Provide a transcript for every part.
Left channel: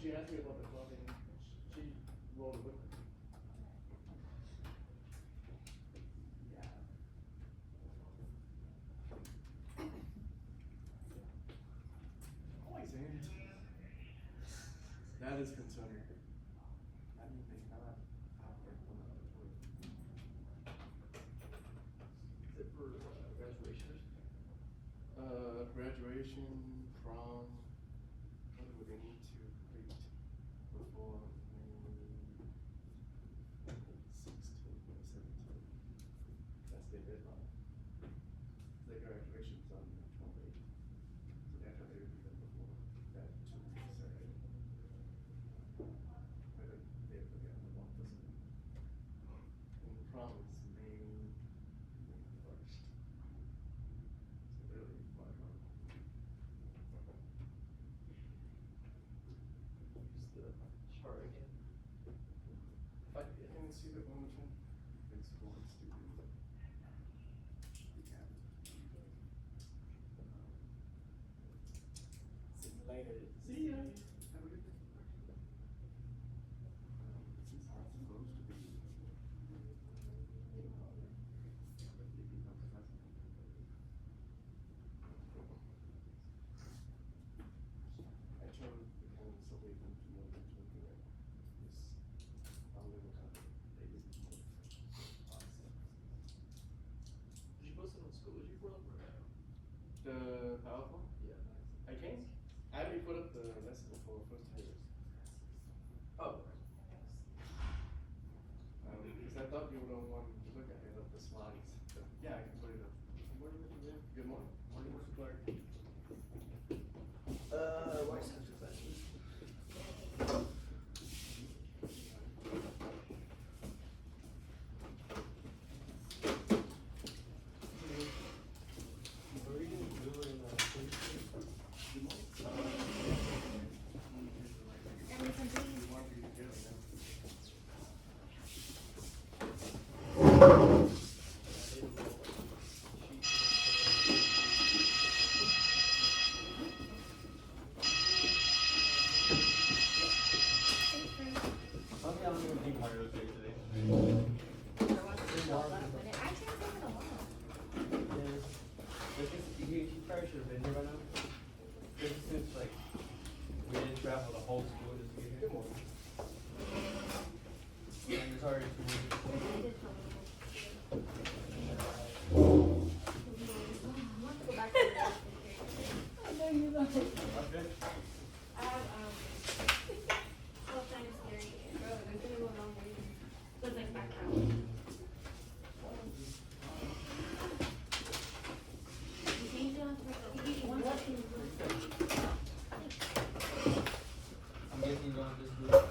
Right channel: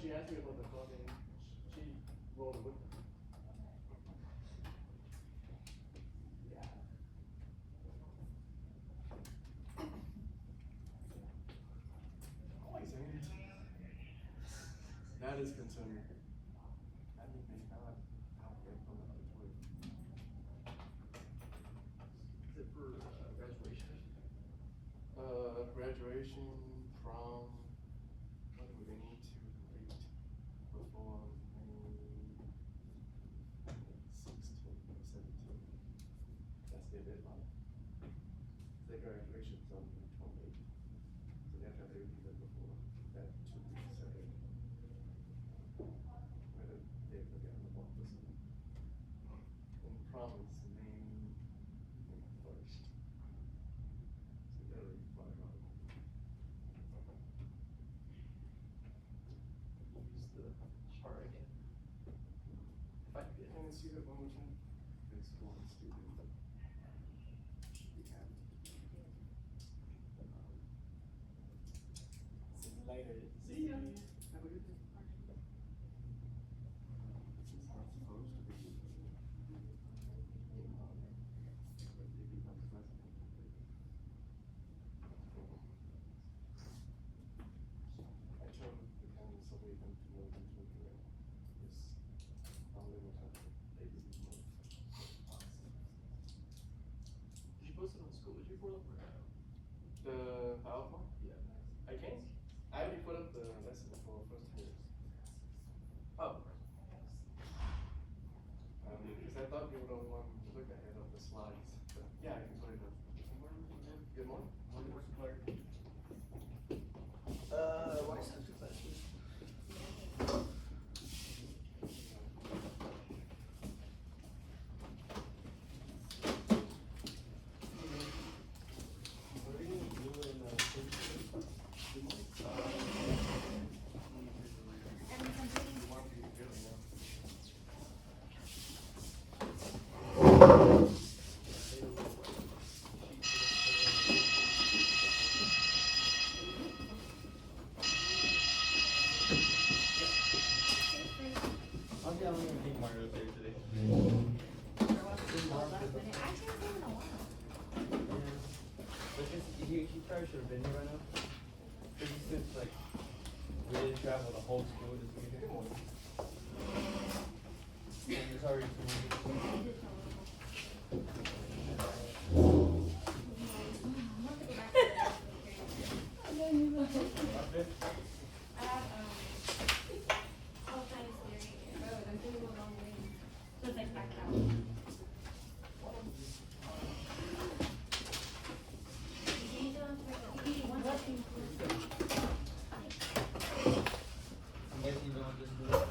she asked me about the phone and she rolled it with me. That is concerning. I didn't think that. Is it for graduation? Graduation, prom, what do they need to complete before May 16th or 17th? That's their deadline. Their graduation's on the 28th. So they have to have everything done before that 2 weeks Saturday. They forgot about this. And the prom is May 1st. So that'll be fun. Use the chart again. If I can see that one again. It's one student. Should be happy. See you later. See ya. Have a good day. This is how it's supposed to be. I try to become so way to know that you're correct. This only will come. They didn't know. Did you post it on school? Did you put up the PowerPoint? Yeah. I can't. I already put up the lesson for first years. Oh. Because I thought you would want to look ahead of the slides. But yeah, I can put it up. Good morning. Morning, Mr. Clark. White Center classes. Travel the whole school this week. Good morning. And it's already I'm guessing you don't have this group.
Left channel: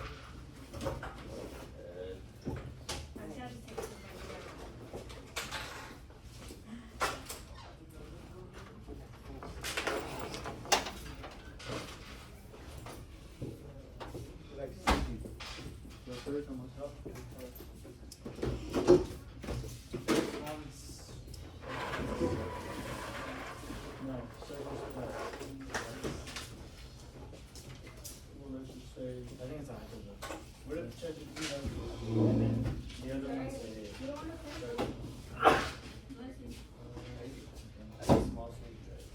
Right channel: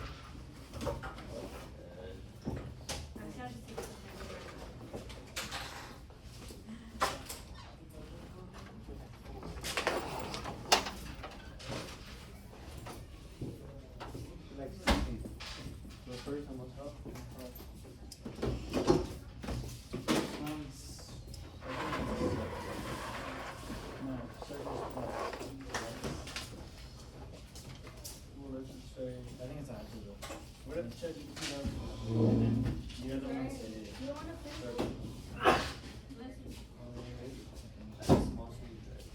Like, go first and we'll help. No, service part. Well, let's just say, I think it's after the, we're gonna check it, and then the other one say, small city guys.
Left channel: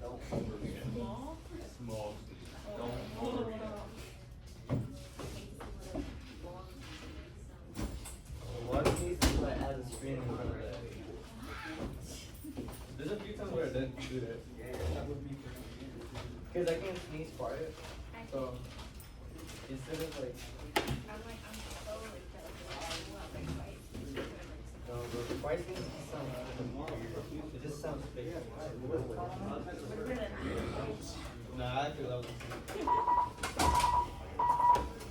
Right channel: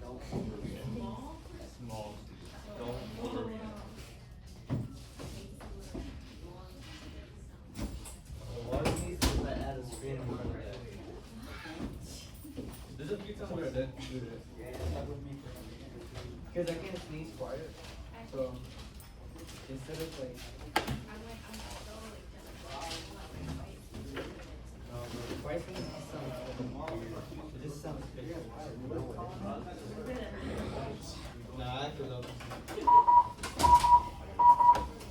Don't forget. Small city. Don't forget. So what it means is I add a screen in front of that. There's a few times where I didn't do that. Because I can't sneeze quiet. So instead of like the pricing it just sounds fake. Nah, I could love it. If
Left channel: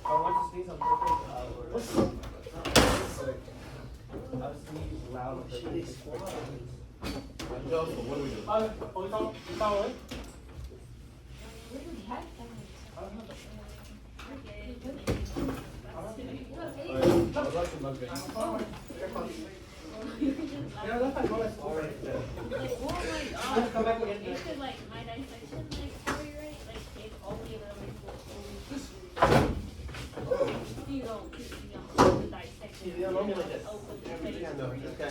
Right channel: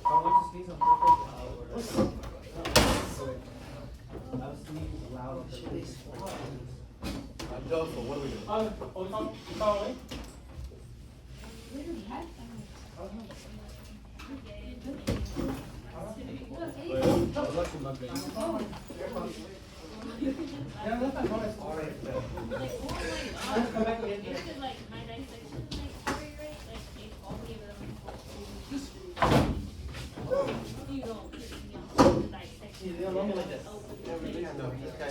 I want to sneeze on purpose, I'll sneeze loud on purpose. What do we do? Yeah, that's my voice. Alright. You could like my dissection, like, right? Like, take all the way to the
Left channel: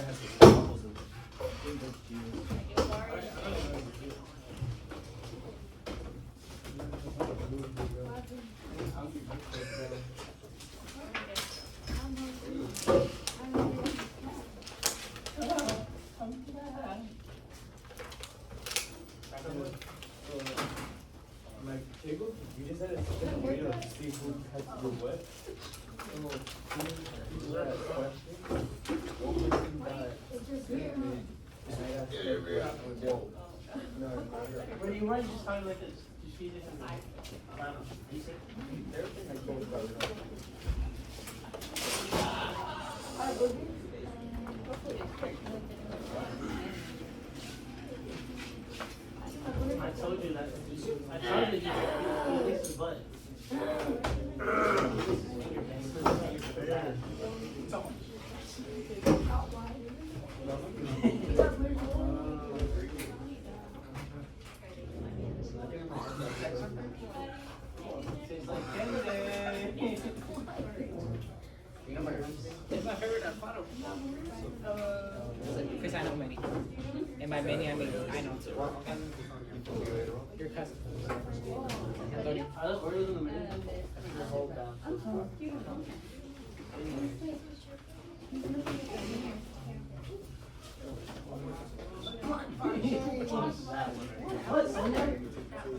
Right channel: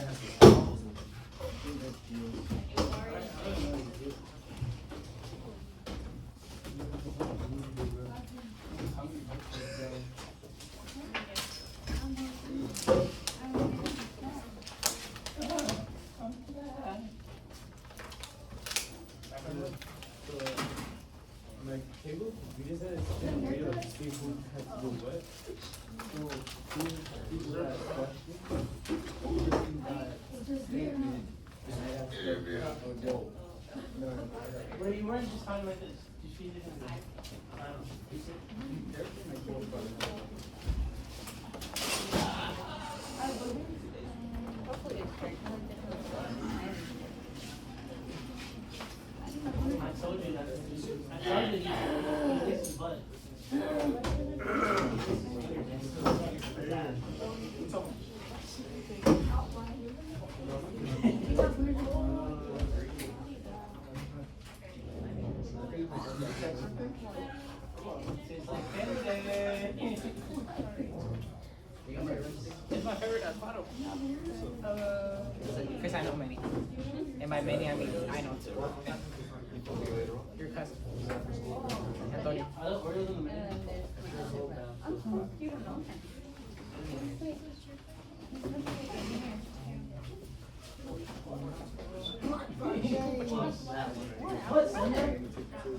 that has the bubbles in it. I don't know. I'll be back. My table, we decided to take away the seafood has to go wet. So, who that question? What would you that? Where you want to just find like this? Just feed it in the Everything like goes by the I told you that. I told you it's the butt. It's my favorite avocado. Because I know many. And by many, I mean I know too. Your cousin. Antonio. I don't order them.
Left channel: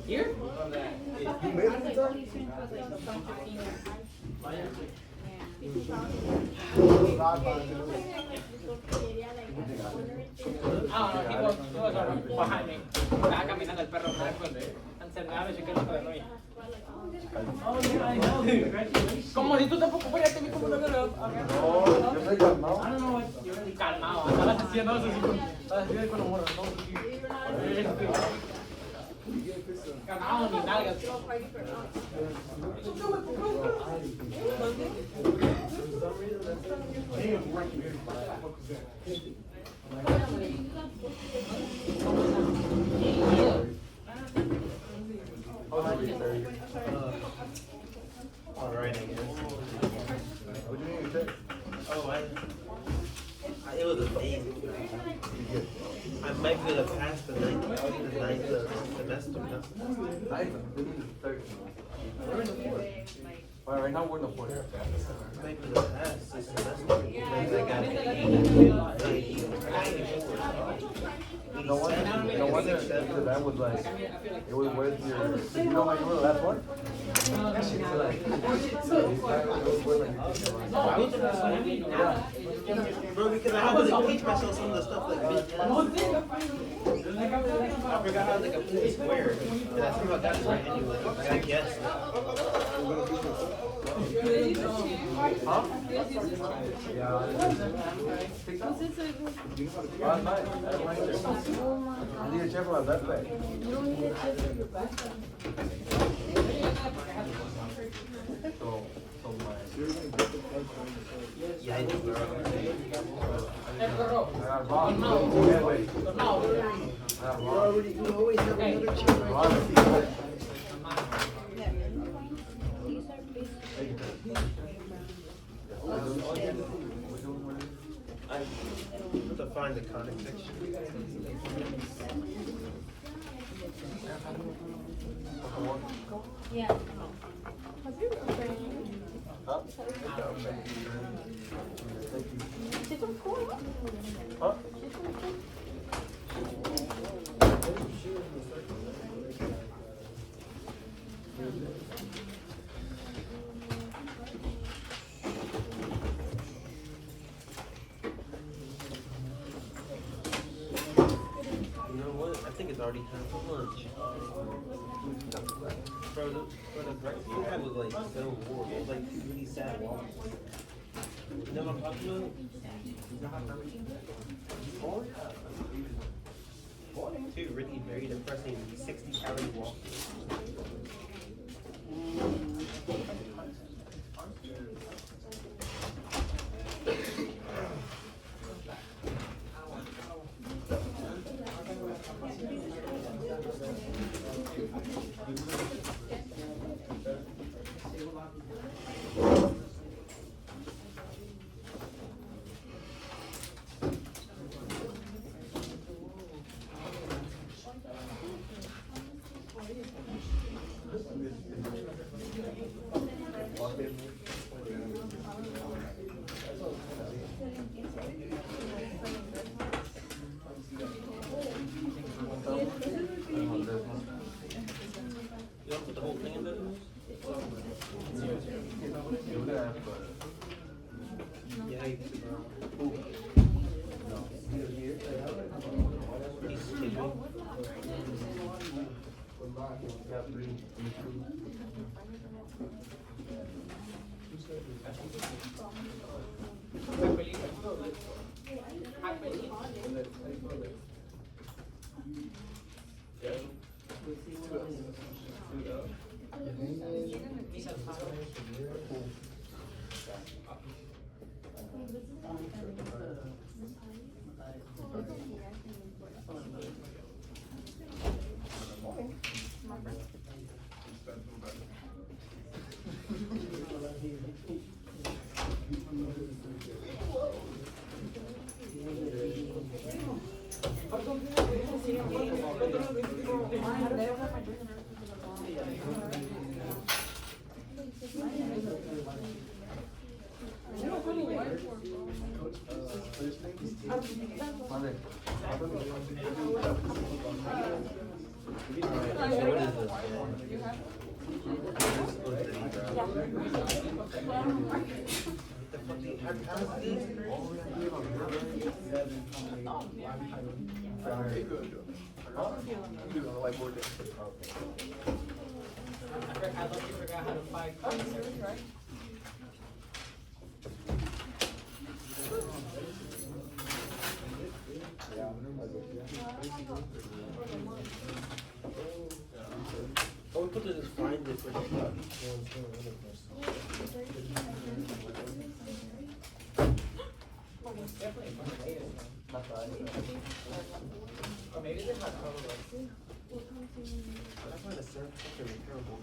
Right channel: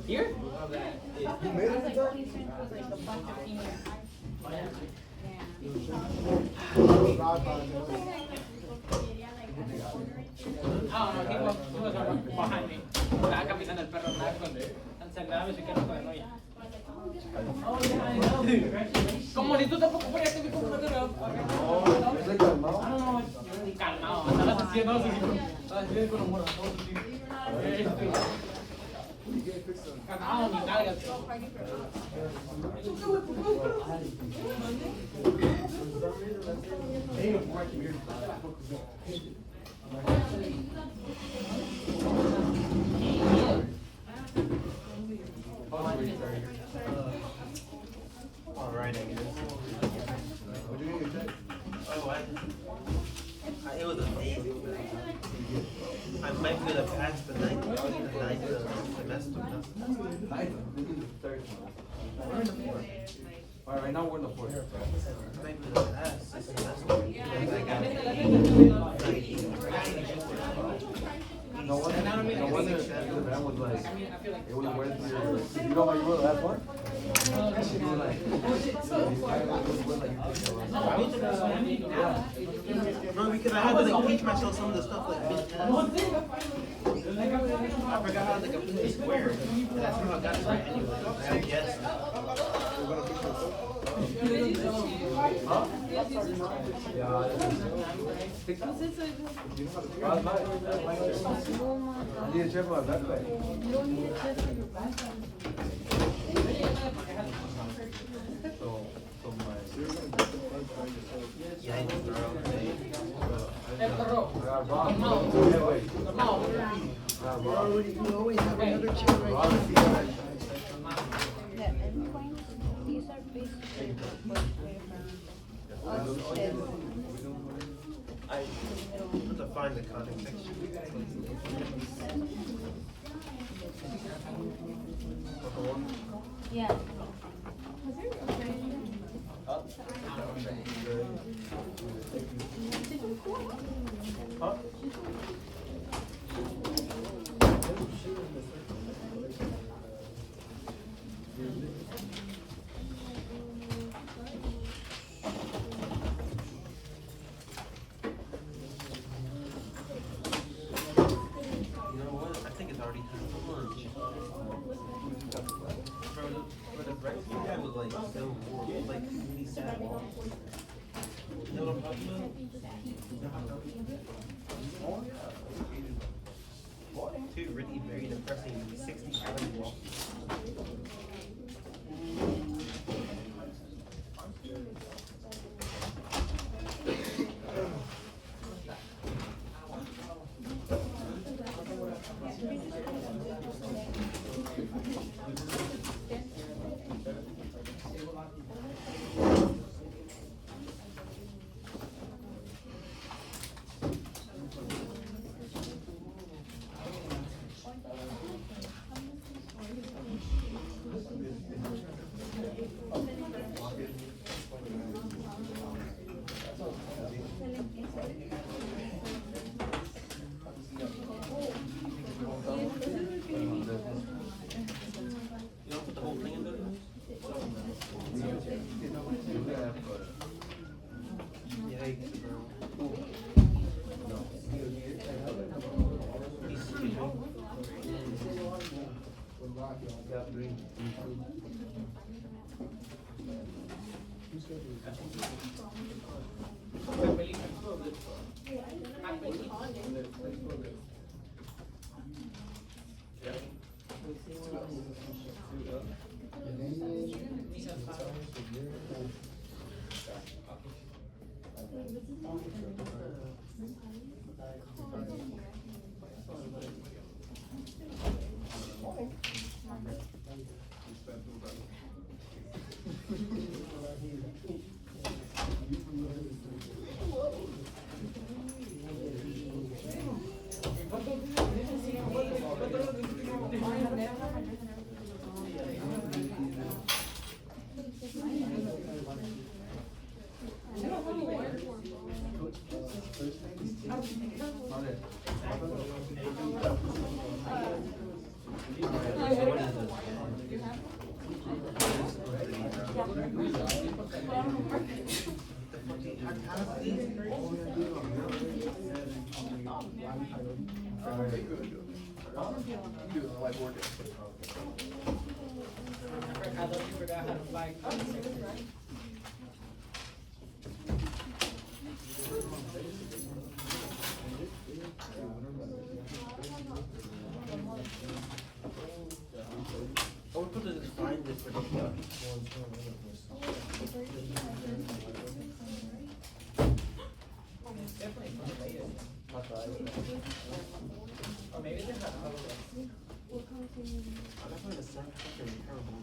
Here? Ah, he was behind me. Estaba caminando el perro atrás cuando encerrado y se quedó con el hoyo. Oh, yeah, I know. Como si tú tampoco fueras yo como no lo. I don't know what you're really Calmado, estabas haciendo así. Estabas haciendo con los moros. Calmado, mi nalga. Alright, I guess. What do you mean, check? Oh, it was amazing. I might be able to pass the ninth semester. We're in the fourth. Right now we're in the fourth. I might be able to pass this semester. No wonder that was like, it was worth your, you know what you won the last one? It's like, Bro, because I had to like teach myself some of the stuff like mid I forgot how to like put it square. And I somehow got it right anyway. I guess. I need to check my backpack. So my Yeah, I do, bro. You always have another chair right I have to find the contact section. Yeah. Huh? You know what? I think it's already time for lunch. Bro, the breakfast we had was like so warm. It was like really sad. You know what I'm talking about? Two really very depressing 60-calorie walks. Alright, so what is this? This is supposed to be brown. The fuck do you- how does these? I thought you forgot how to fight. Oh, we put this fine different. It's definitely from the latest one. Or maybe this one probably. That's not a certain terrible.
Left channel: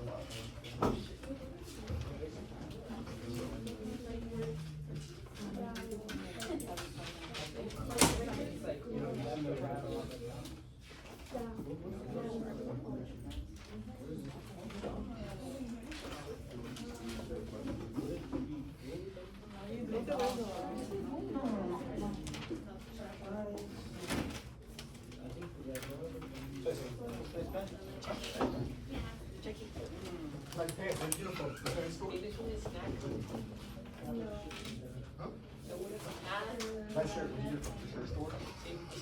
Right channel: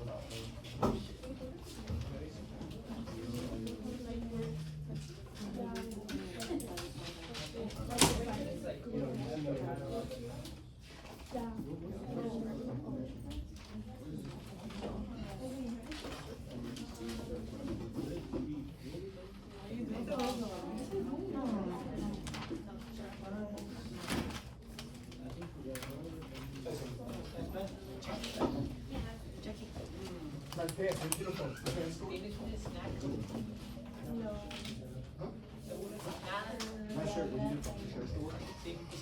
It's like, you know, left or right or left.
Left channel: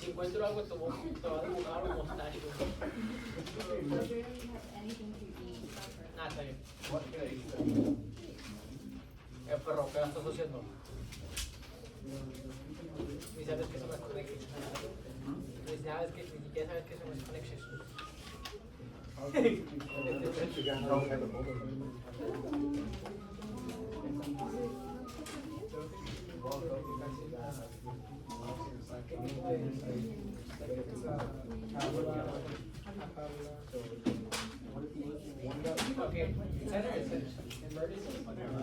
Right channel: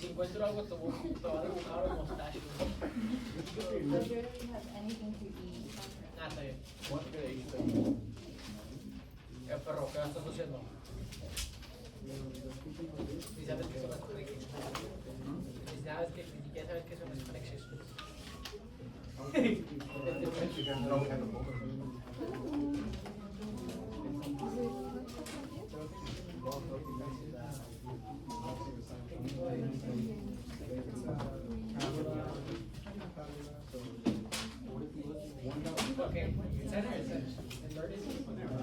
Si encuentro algo, te voy a dibujar o mostrar. Nada, está bien. Pero, ¿qué estás haciendo? Ni sabes qué son las conexiones. Ni sabes que, ni siquiera sabes qué son las conexiones. Okay, center is in vertices.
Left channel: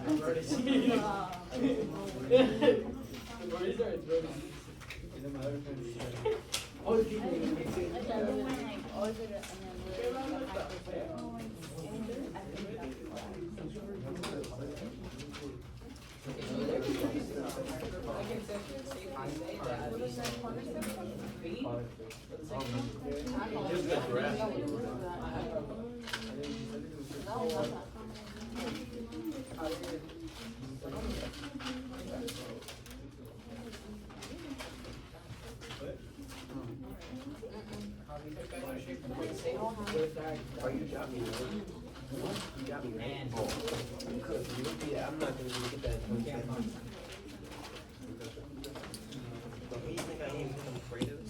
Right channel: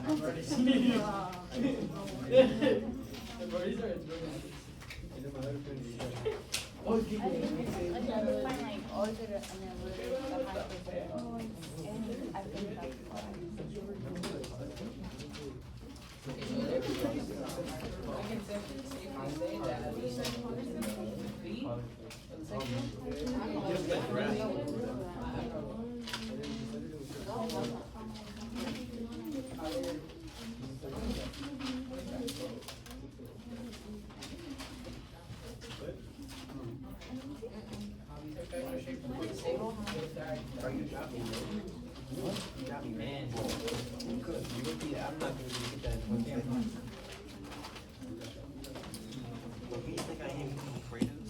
The vertices are its vertices. Oh, it's Another one I ordered Just the graph. Oh, you got me, man. You got me, man. Yeah, I'm not gonna get that. But what do you think I need? I'm afraid of this?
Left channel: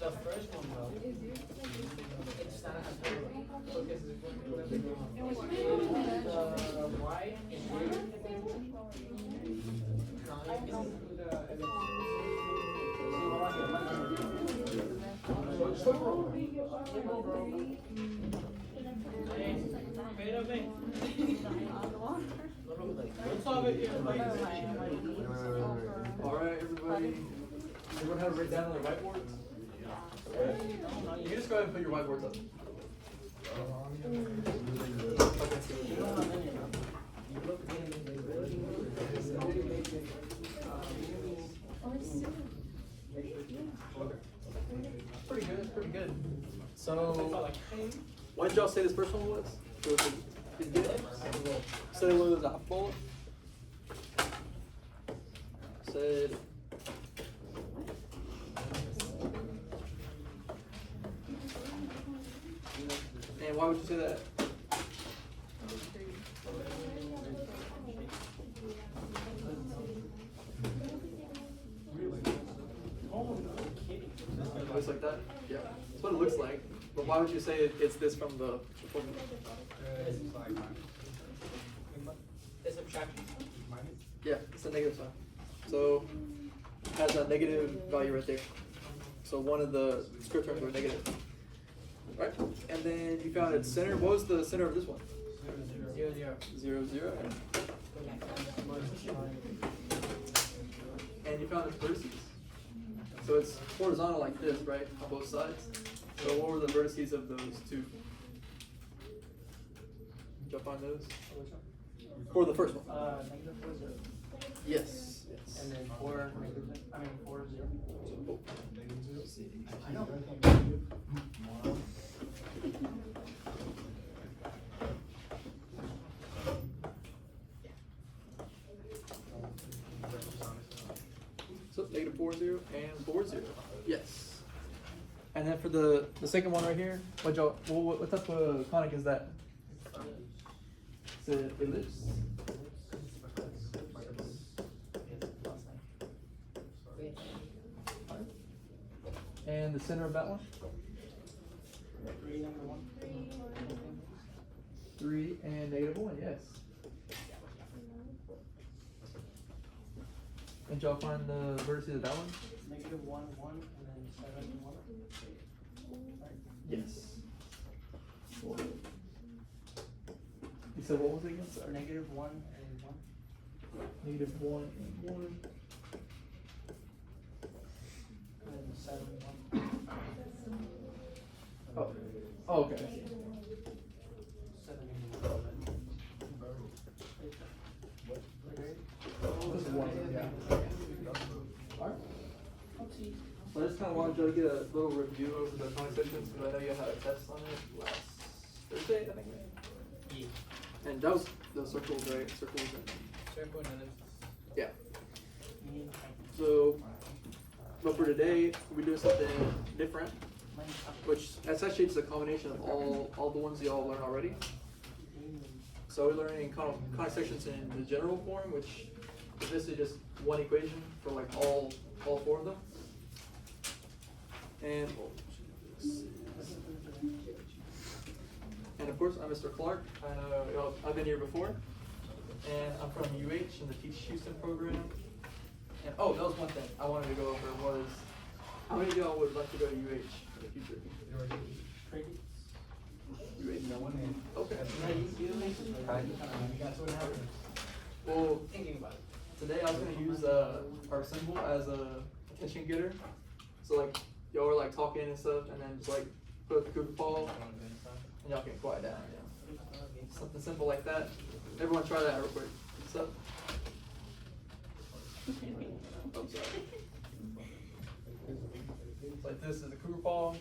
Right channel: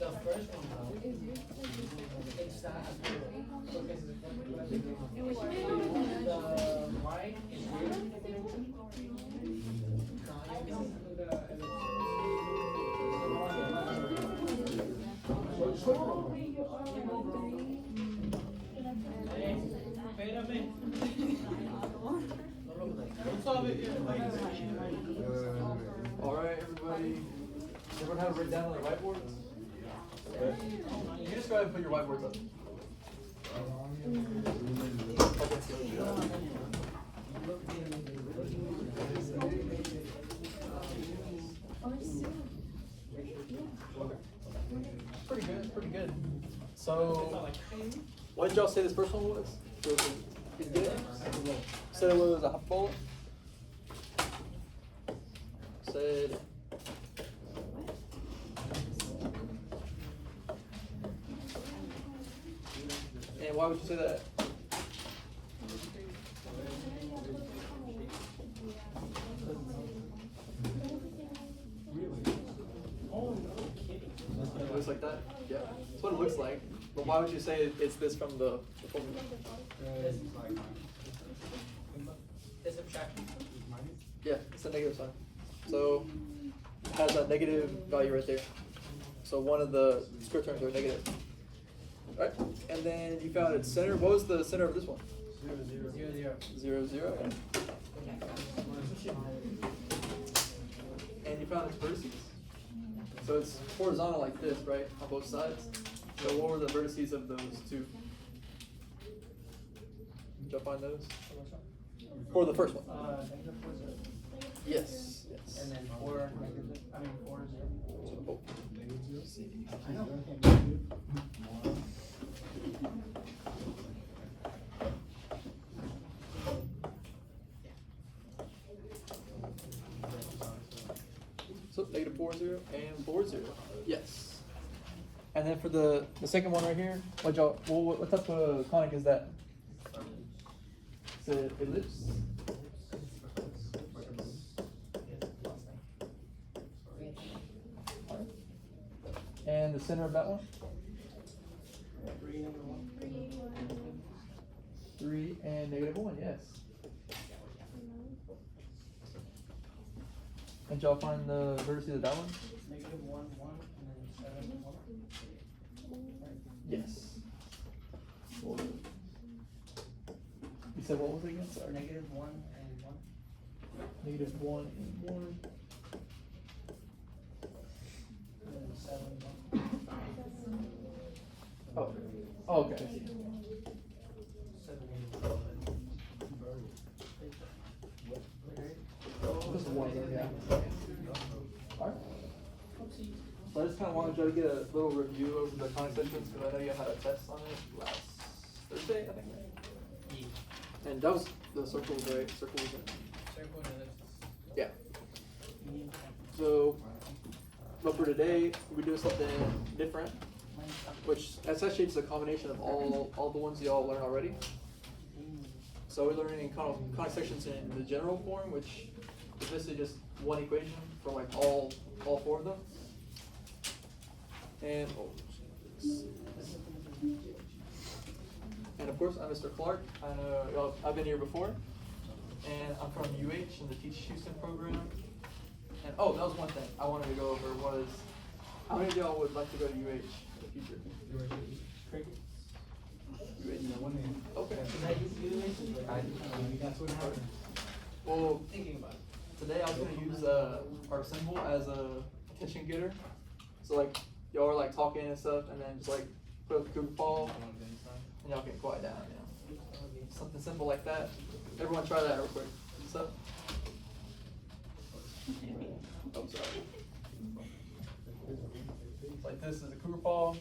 The first one though, it's not as good because the white is here. Espérame. Alright, everybody. Everyone have it written down on the whiteboards? You can just go ahead and put your whiteboards up. Pretty good, pretty good. So, what did y'all say this first one was? It's good? Said it was a ball? Said. And why would you say that? what it looks like, but why would you say it's this from the formula? The subtraction. Yeah, it's a negative sign. So it has a negative value right there. So one of the square terms are negative. Alright, and then you found its center. What was the center of this one? 0, 0. 0, 0. And you found its vertices. So it's horizontal like this, right, on both sides. So what were the vertices of those two? Did y'all find those? For the first one. Negative 4, 0. Yes. Yes. And then 4, negative, I mean 4, 0. I know. So negative 4, 0 and 4, 0. Yes. And then for the second one right here, what type of conic is that? It's an ellipse. And the center of that one? 3 and negative 1, yes. And y'all find the vertices of that one? Negative 1, 1, and then 7, 1. Yes. You said what was it again? Sorry. Negative 1 and 1. Negative 1 and 1. And then 7, 1. Oh, okay. 7, 1. This is 1, yeah. Alright. So I just kind of wanted you to get a little review of the conic sections because I know you had a test on it last Thursday, I think. And that was the circles, right? Circles and Circle and ellipse. yeah. So, but for today, we're doing something different, which that's actually just a combination of all the ones y'all learned already. So we're learning conic sections in the general form, which is basically just one equation for like all 4 of them. And of course, I'm Mr. Clark. I know I've been here before, and I'm from UH in the Teach Houston program. And oh, that was one thing I wanted to go over was how many of y'all would like to go to UH in the future? Okay. Well, today I was gonna use our symbol as a attention getter. So like y'all are like talking and stuff, and then just like put a Google ball, and y'all can quiet down. Yeah. Something simple like that. Everyone try that real quick. So. I'm sorry. Like this is a Cougar paw,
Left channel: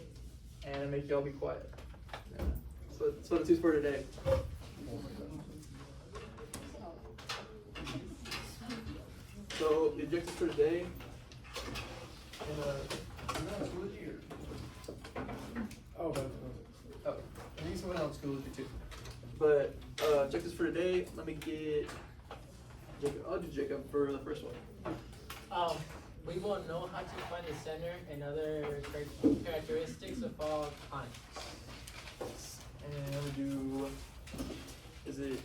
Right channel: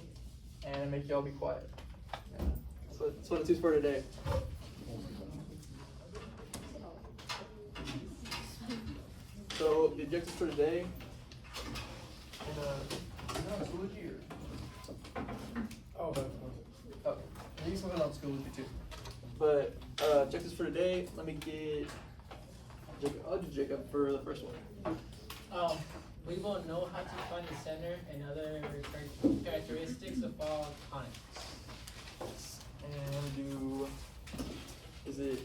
and make y'all be quiet. Yeah. So that's what it's used for today. So the objectives for today, Schoology or? Oh, but. Okay. You can put it on Schoology too. But objectives for today, let me get Jacob. I'll do Jacob for the first one. We will know how to find the center and other characteristics of all conics. And I'm gonna do, is it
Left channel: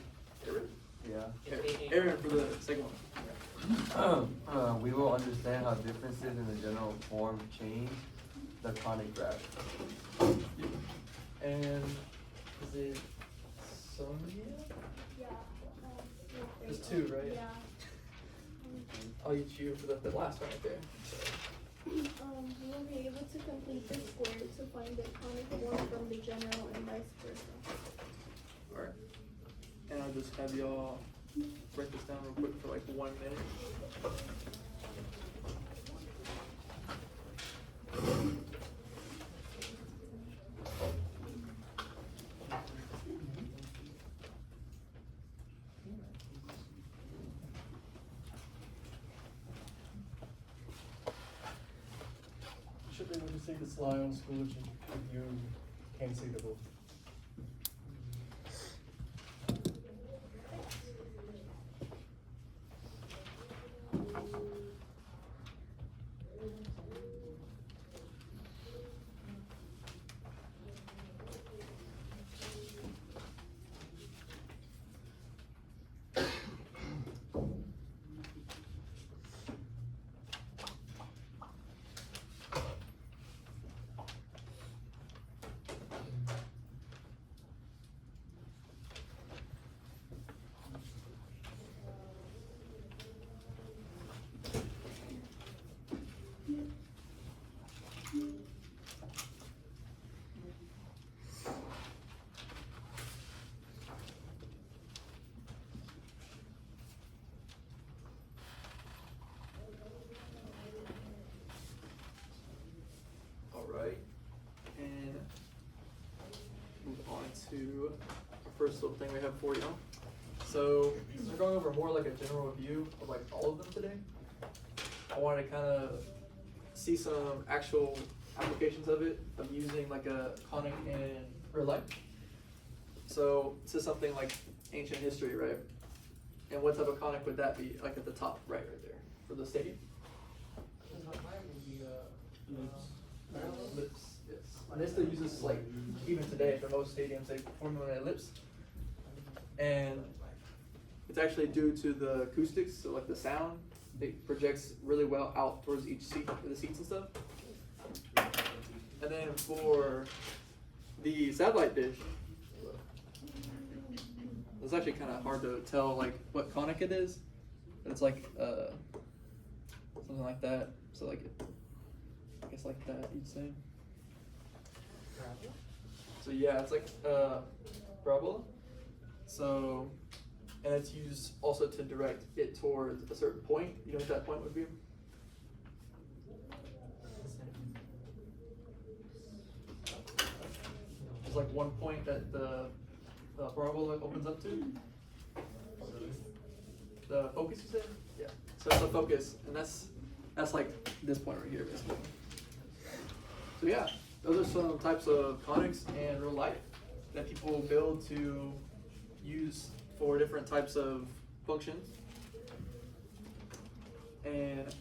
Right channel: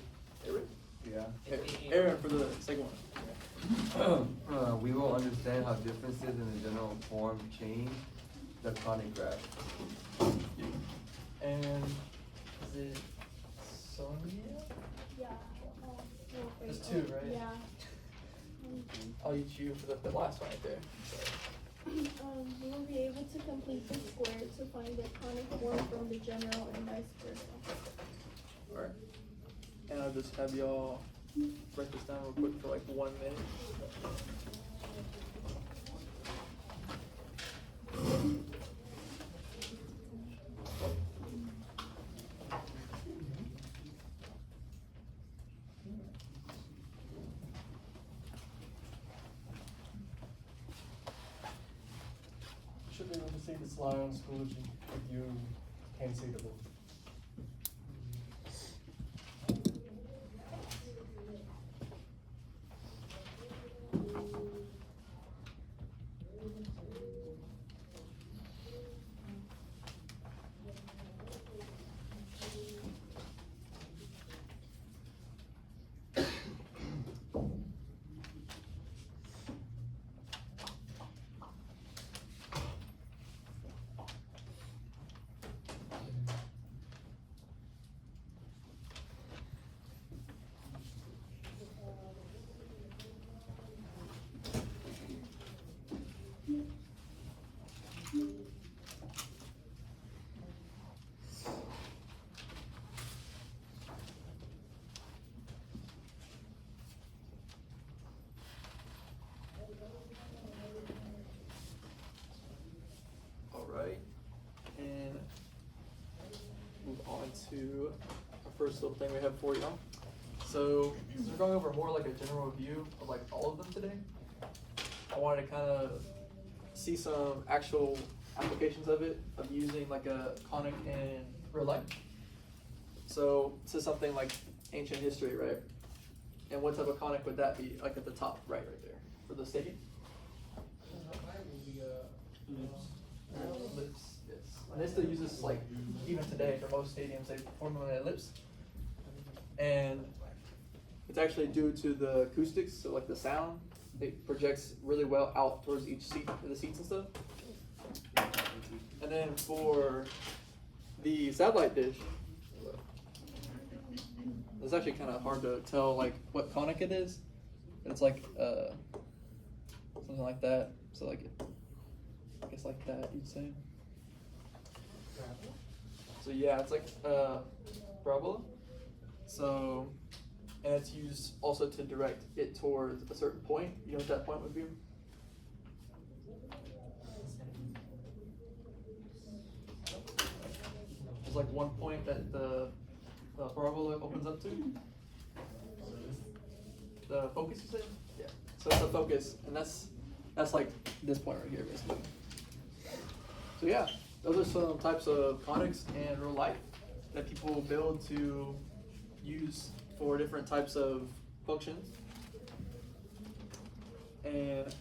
Aaron? Yeah. Aaron for the second one. We will understand how differences in the general form change the conic graph. And is it Sonia? Yeah. There's 2, right? Yeah. I'll use you for the last one right there. We'll be able to complete the square to find the conic form from the general and vice versa. Alright. And I'll just have y'all write this down real quick for like 1 minute. Should be able to see the slide on Schoology if you can't see the book. this little thing we have for you. So, since we're going over more like a general review of like all of them today, I wanted to kind of see some actual applications of it, of using like a conic in real life. So, this is something like ancient history, right? And what type of conic would that be, like at the top right there, for the stadium? Ellipse, yes. And they still use this like, even today, for most stadiums, they form an ellipse. And it's actually due to the acoustics, so like the sound, it projects really well out towards each seat, for the seats and stuff. And then for the satellite dish, it's actually kind of hard to tell like what conic it is, but it's like something like that. So like, I guess like that you'd say. So yeah, it's like parabola. So, and it's used also to direct it towards a certain point. You know what that point would be? There's like one point that the parabola opens up to. The focus, you said? Yeah. So that's the focus, and that's like this point right here, basically. So yeah, those are some types of conics in real life that people build to use for different types of functions. And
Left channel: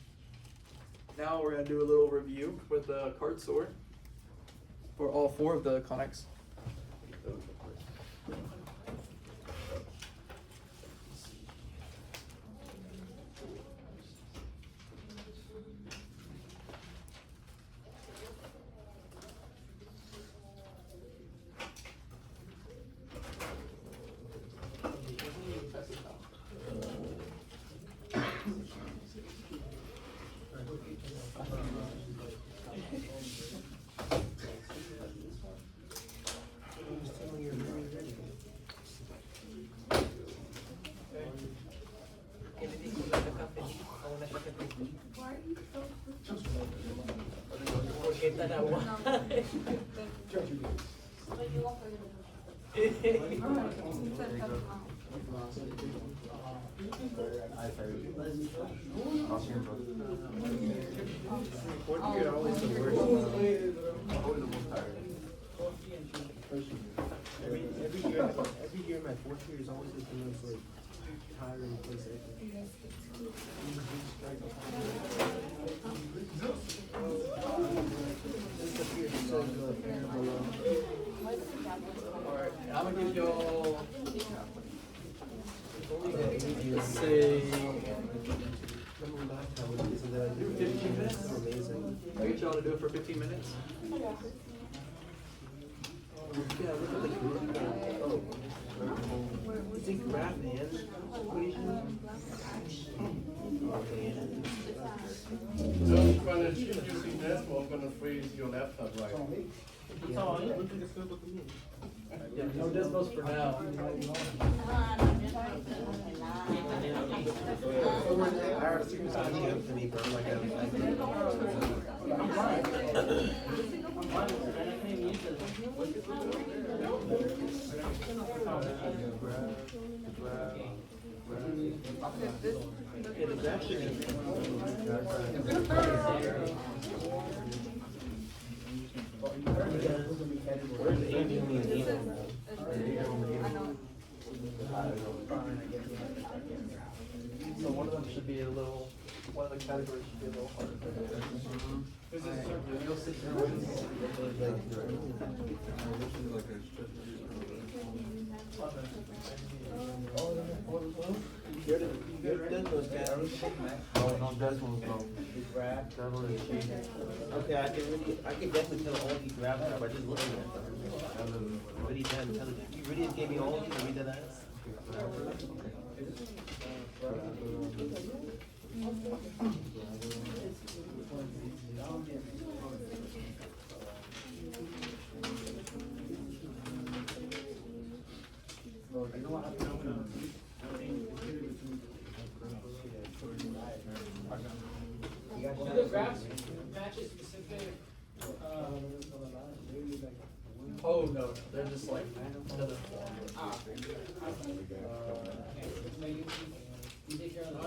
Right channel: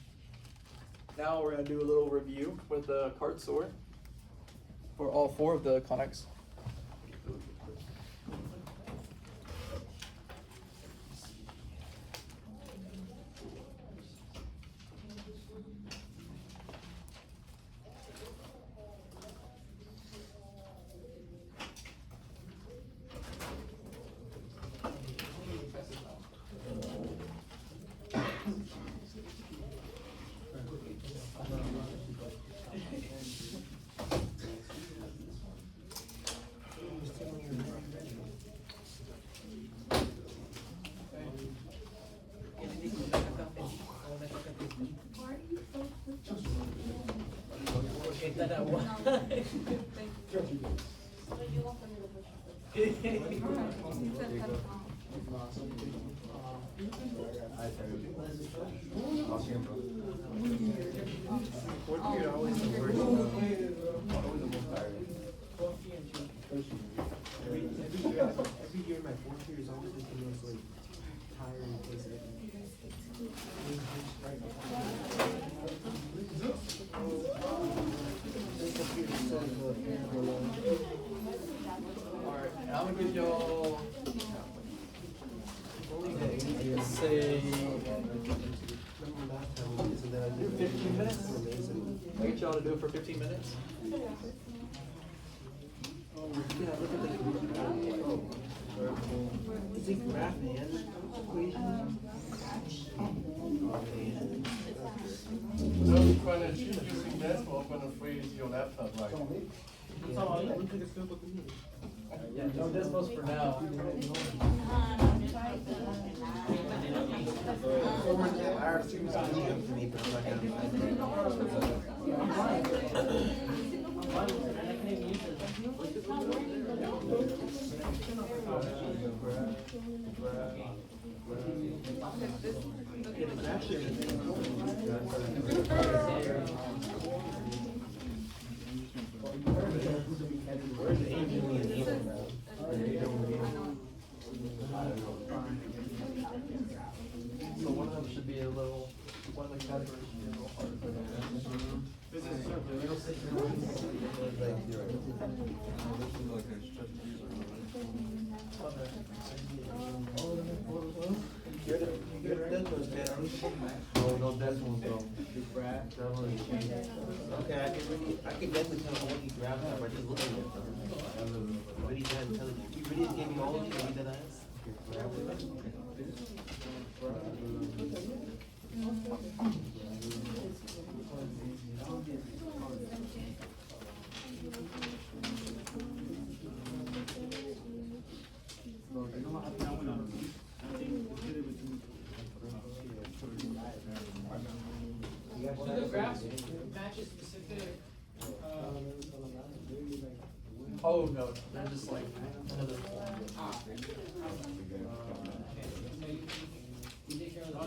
now we're gonna do a little review with the card sort for all 4 of the conics. Fourth period always the worst. Every year my fourth period is always the most like tiring place ever. Alright, and I'm gonna give y'all, let's say, 15 minutes. I get y'all to do it for 15 minutes. Yeah, look at the group. Oh. Is he graph and equation? So you're trying to achieve using decimal, I'm gonna freeze your laptop, right? Look at the scope of the meeting. Yeah, no decimals for now. Our students are DM for me, but like it is actually where's the So one of them should be a little, one of the categories should be a little harder. You're done those down. No decimals, no. Okay, I can definitely tell all he grabbed now by just looking at them. Really damn intelligent. He really gave me all of these, read that ass. The graphs matches specific, Oh, no, they're just like another form. You take care of the.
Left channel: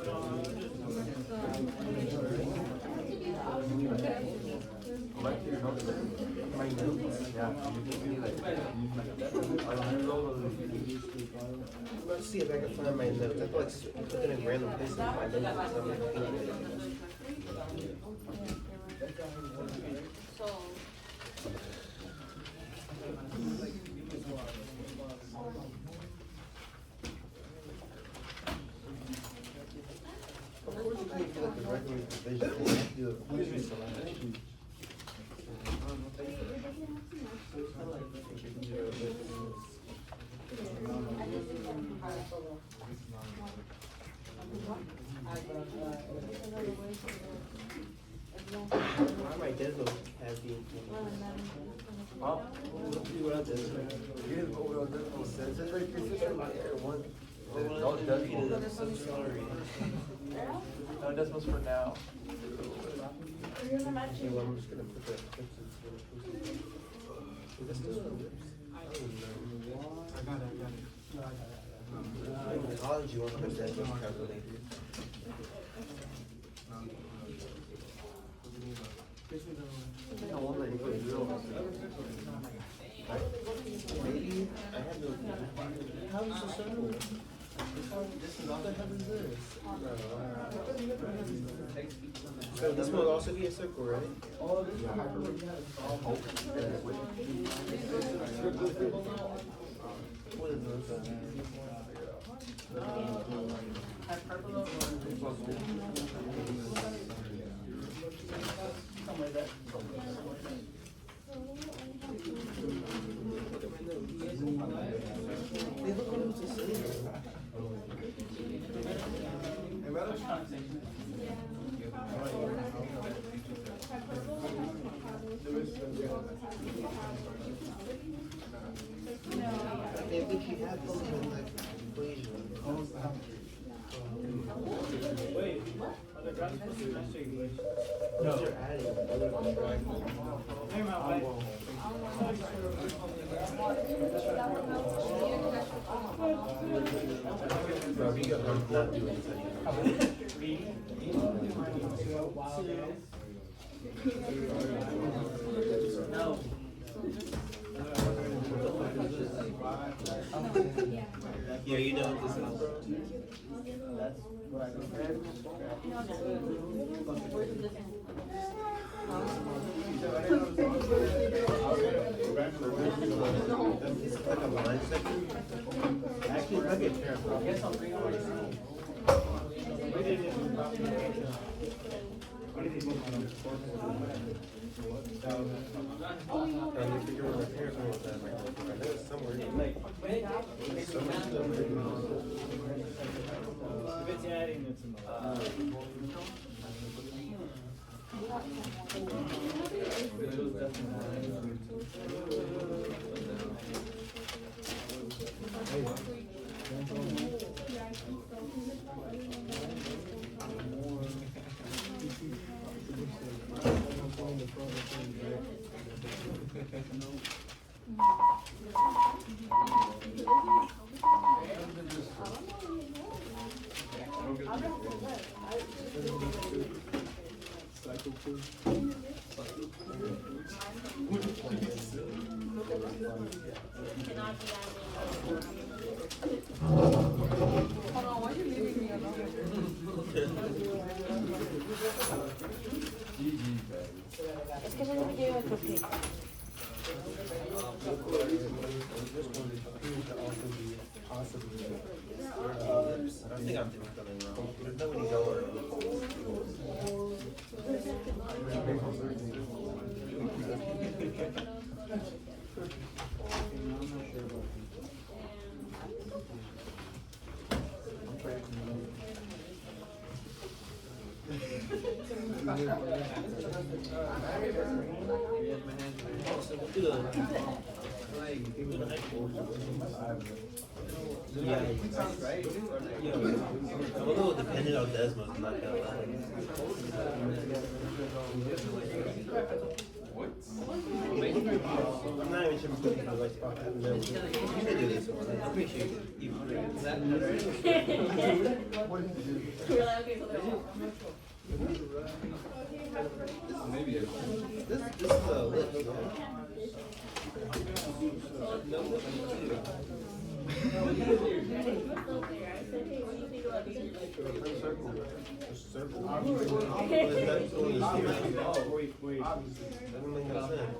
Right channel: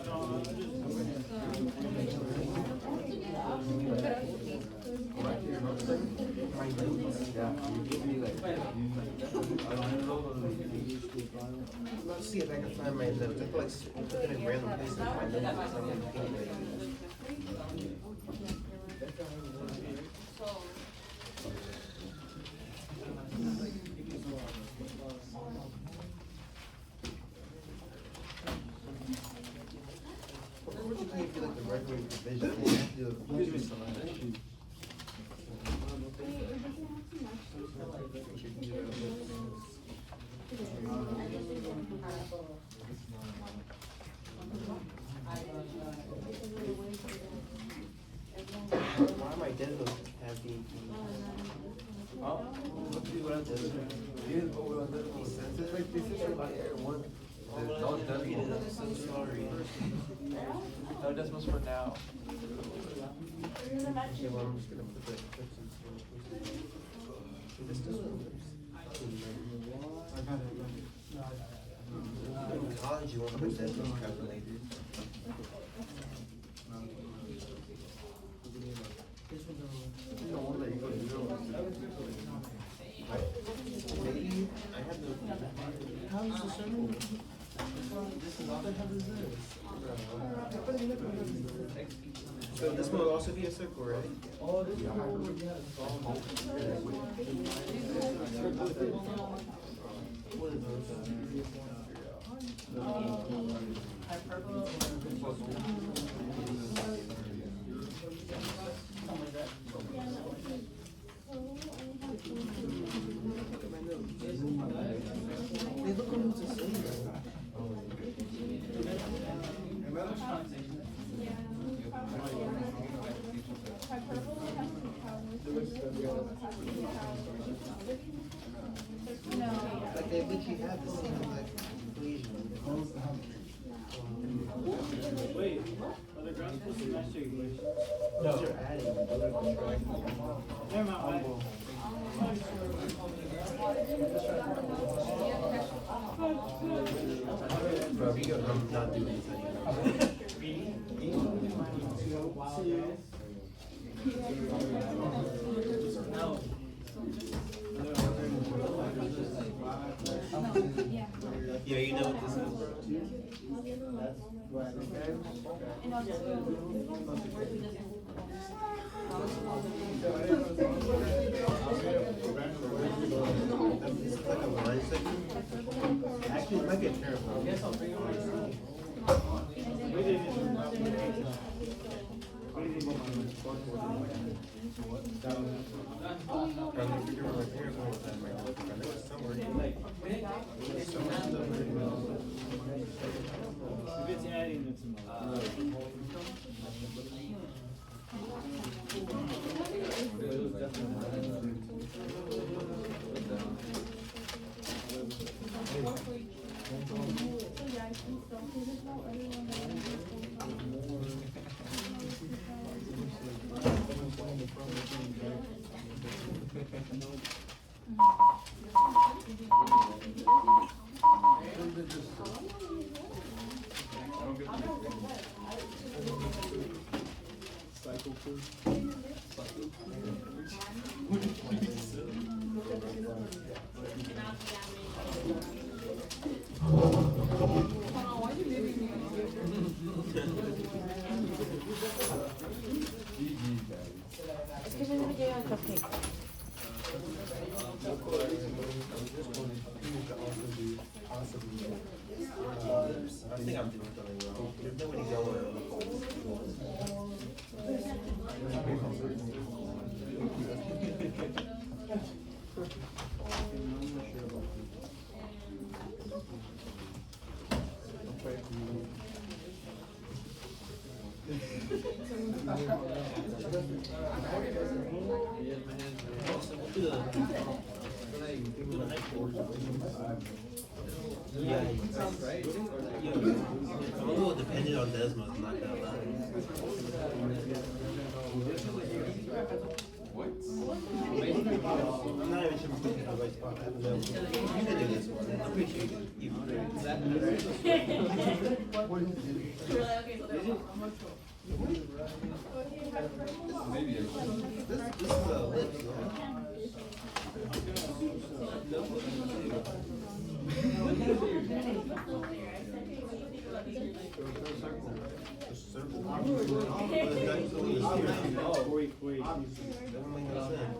Let's see if I can find my notes. I feel like put them in random places. My notes or something. Of course, you can't do like the recommended provision. You have to do a provision selection. Why am I dead though? Has being No W, that's some story. No decimals for now. Okay, well, I'm just gonna put the questions where it's supposed to be. This still works. In college, you want to put decimals calculated. Maybe I had no. How is the circle? What the hell is this? So this one will also be a circle, right? Oh, this is What is those? Look at my notes. They look almost the same. Like they literally have the same like equation. Wait, are the graphs supposed to match the equation? No. You're adding, other than subtracting. Never mind, why? Bro, I'm not doing this anymore. Yeah, you know what this is, bro. This is like a line segment. Actually, it might be a parable. I'm trying to figure out where my parents were with that. I know it's somewhere. There's so much stuff written on If it's adding, it's in I think I'm doing something wrong. There's nobody nowhere. Yeah, right? I'm a little dependent on Desmond, I'm not gonna lie. I'm not even sure if I'm in the right spot. I don't know. You can do this one. I appreciate it. You This is a lift, yeah. No, what do you do? Wait. Doesn't make no sense.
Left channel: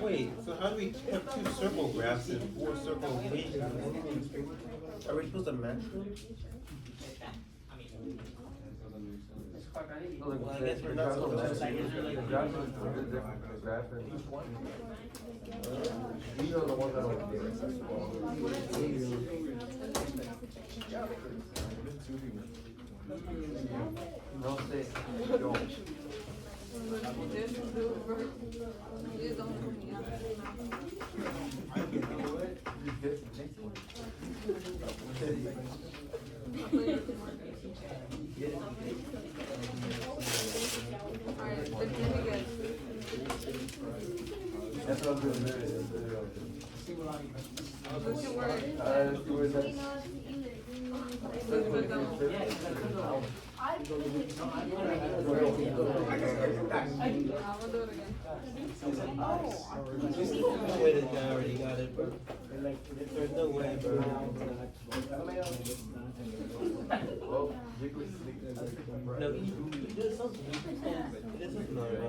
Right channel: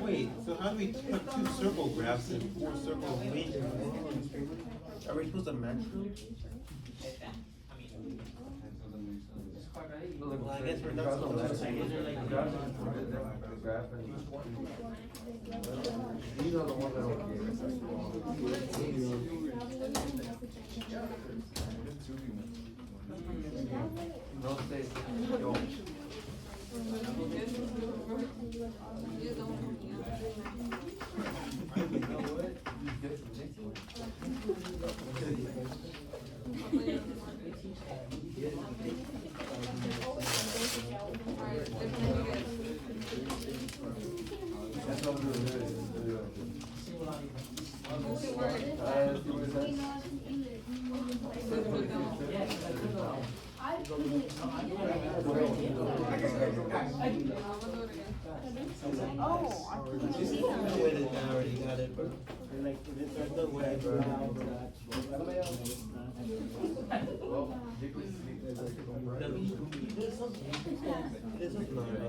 Wait, so how do we put 2 circle graphs and 4 circle equations? Are we supposed to match them? I guess we're not supposed to. These are the ones that no say. That's what we're doing. I already got it, bro. And like, there's no way, bro. No, there's something. There's something already.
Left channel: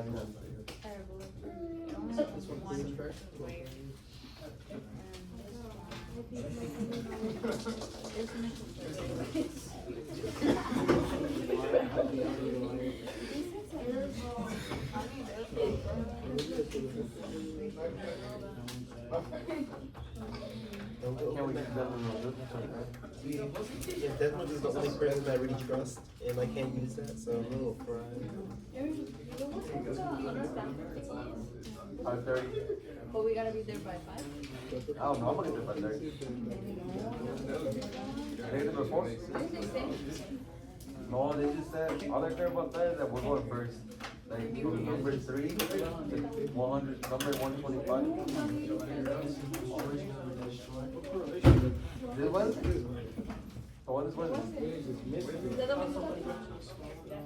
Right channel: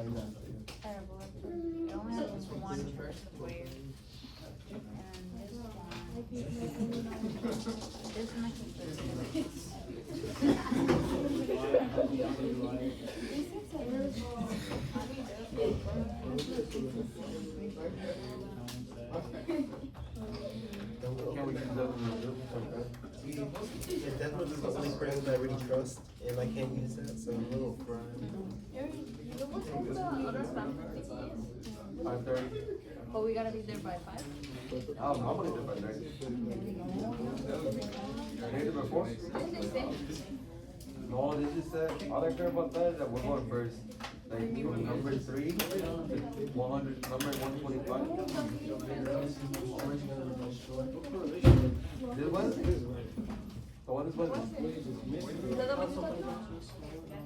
Don't go over that. See, Desmond is the only person I really trust, and I can't use that, so I'm a little fried. 5:30. But we gotta be there by 5? I don't know, I'm gonna do it by 30. They did it before? No, they just said, all I care about that is that we're going first. Like, number 3, 100, number 125. This one? The one is Wednesday. The other one's what?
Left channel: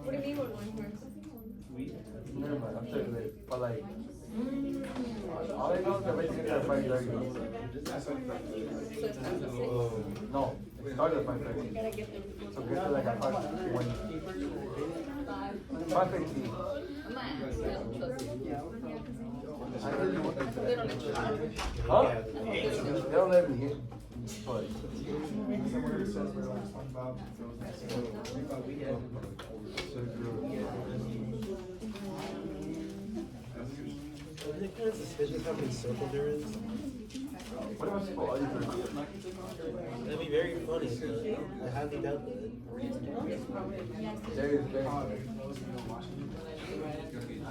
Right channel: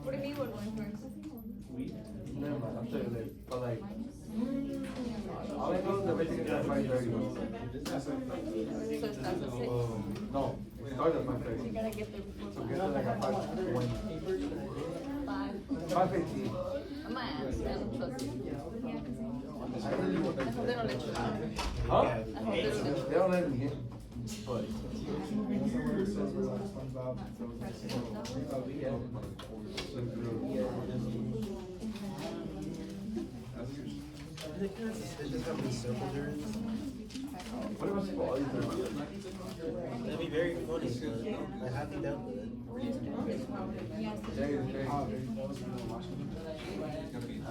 What do you mean, what one? Never mind, I'm sure it is, but like, all I know is that basically that's why you're not going. So it's not the same? No, it started at 5:30. You gotta get there before So we have to like at 5:20. 5:15. I might ask, I don't trust you. I really want them to- They don't let you in. Huh? I hope they don't let you They don't let me in. But- Isn't it kind of suspicious how many circles there is? What am I supposed to do? That'd be very funny, but I highly doubt that. There is very- I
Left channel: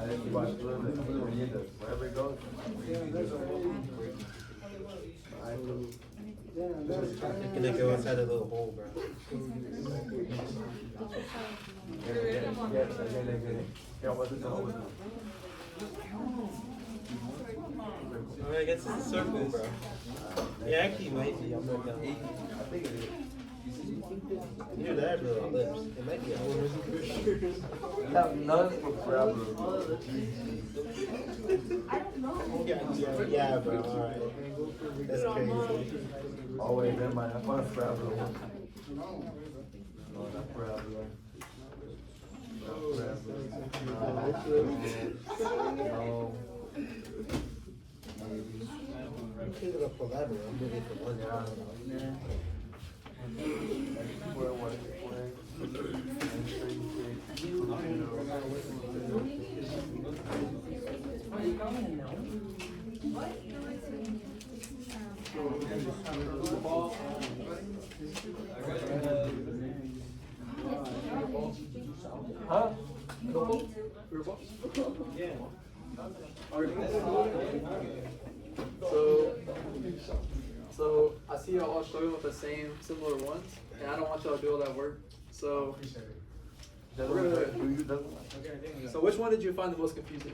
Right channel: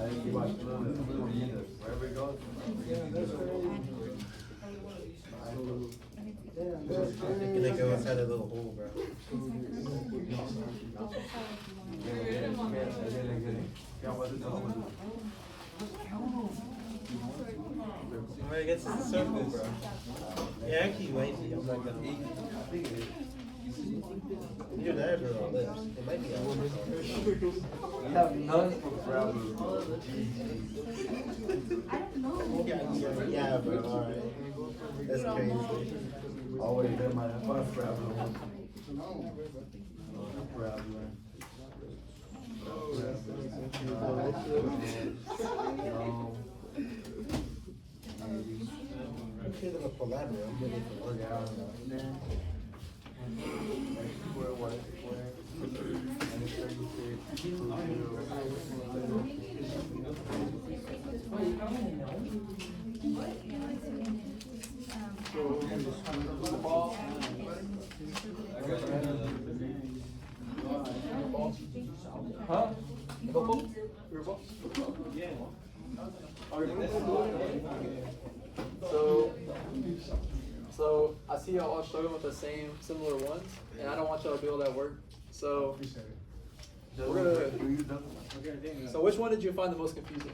think you watch wherever it goes. It's gonna go inside a little hole, bro. Alright, I guess it's a circle, bro. Yeah, actually, might be. I'm not gonna. Either that or a lips. It might be a lips. None for gravity. Yeah, bro. Alright. That's crazy. Oh wait, never mind. I want to grab I'm feeling gonna pull that one, I'm looking for one. Huh? Football? So I see y'all all struggling with the same similar ones, and I don't want y'all to do all that work. So we're gonna. So which one did you find the most confusing?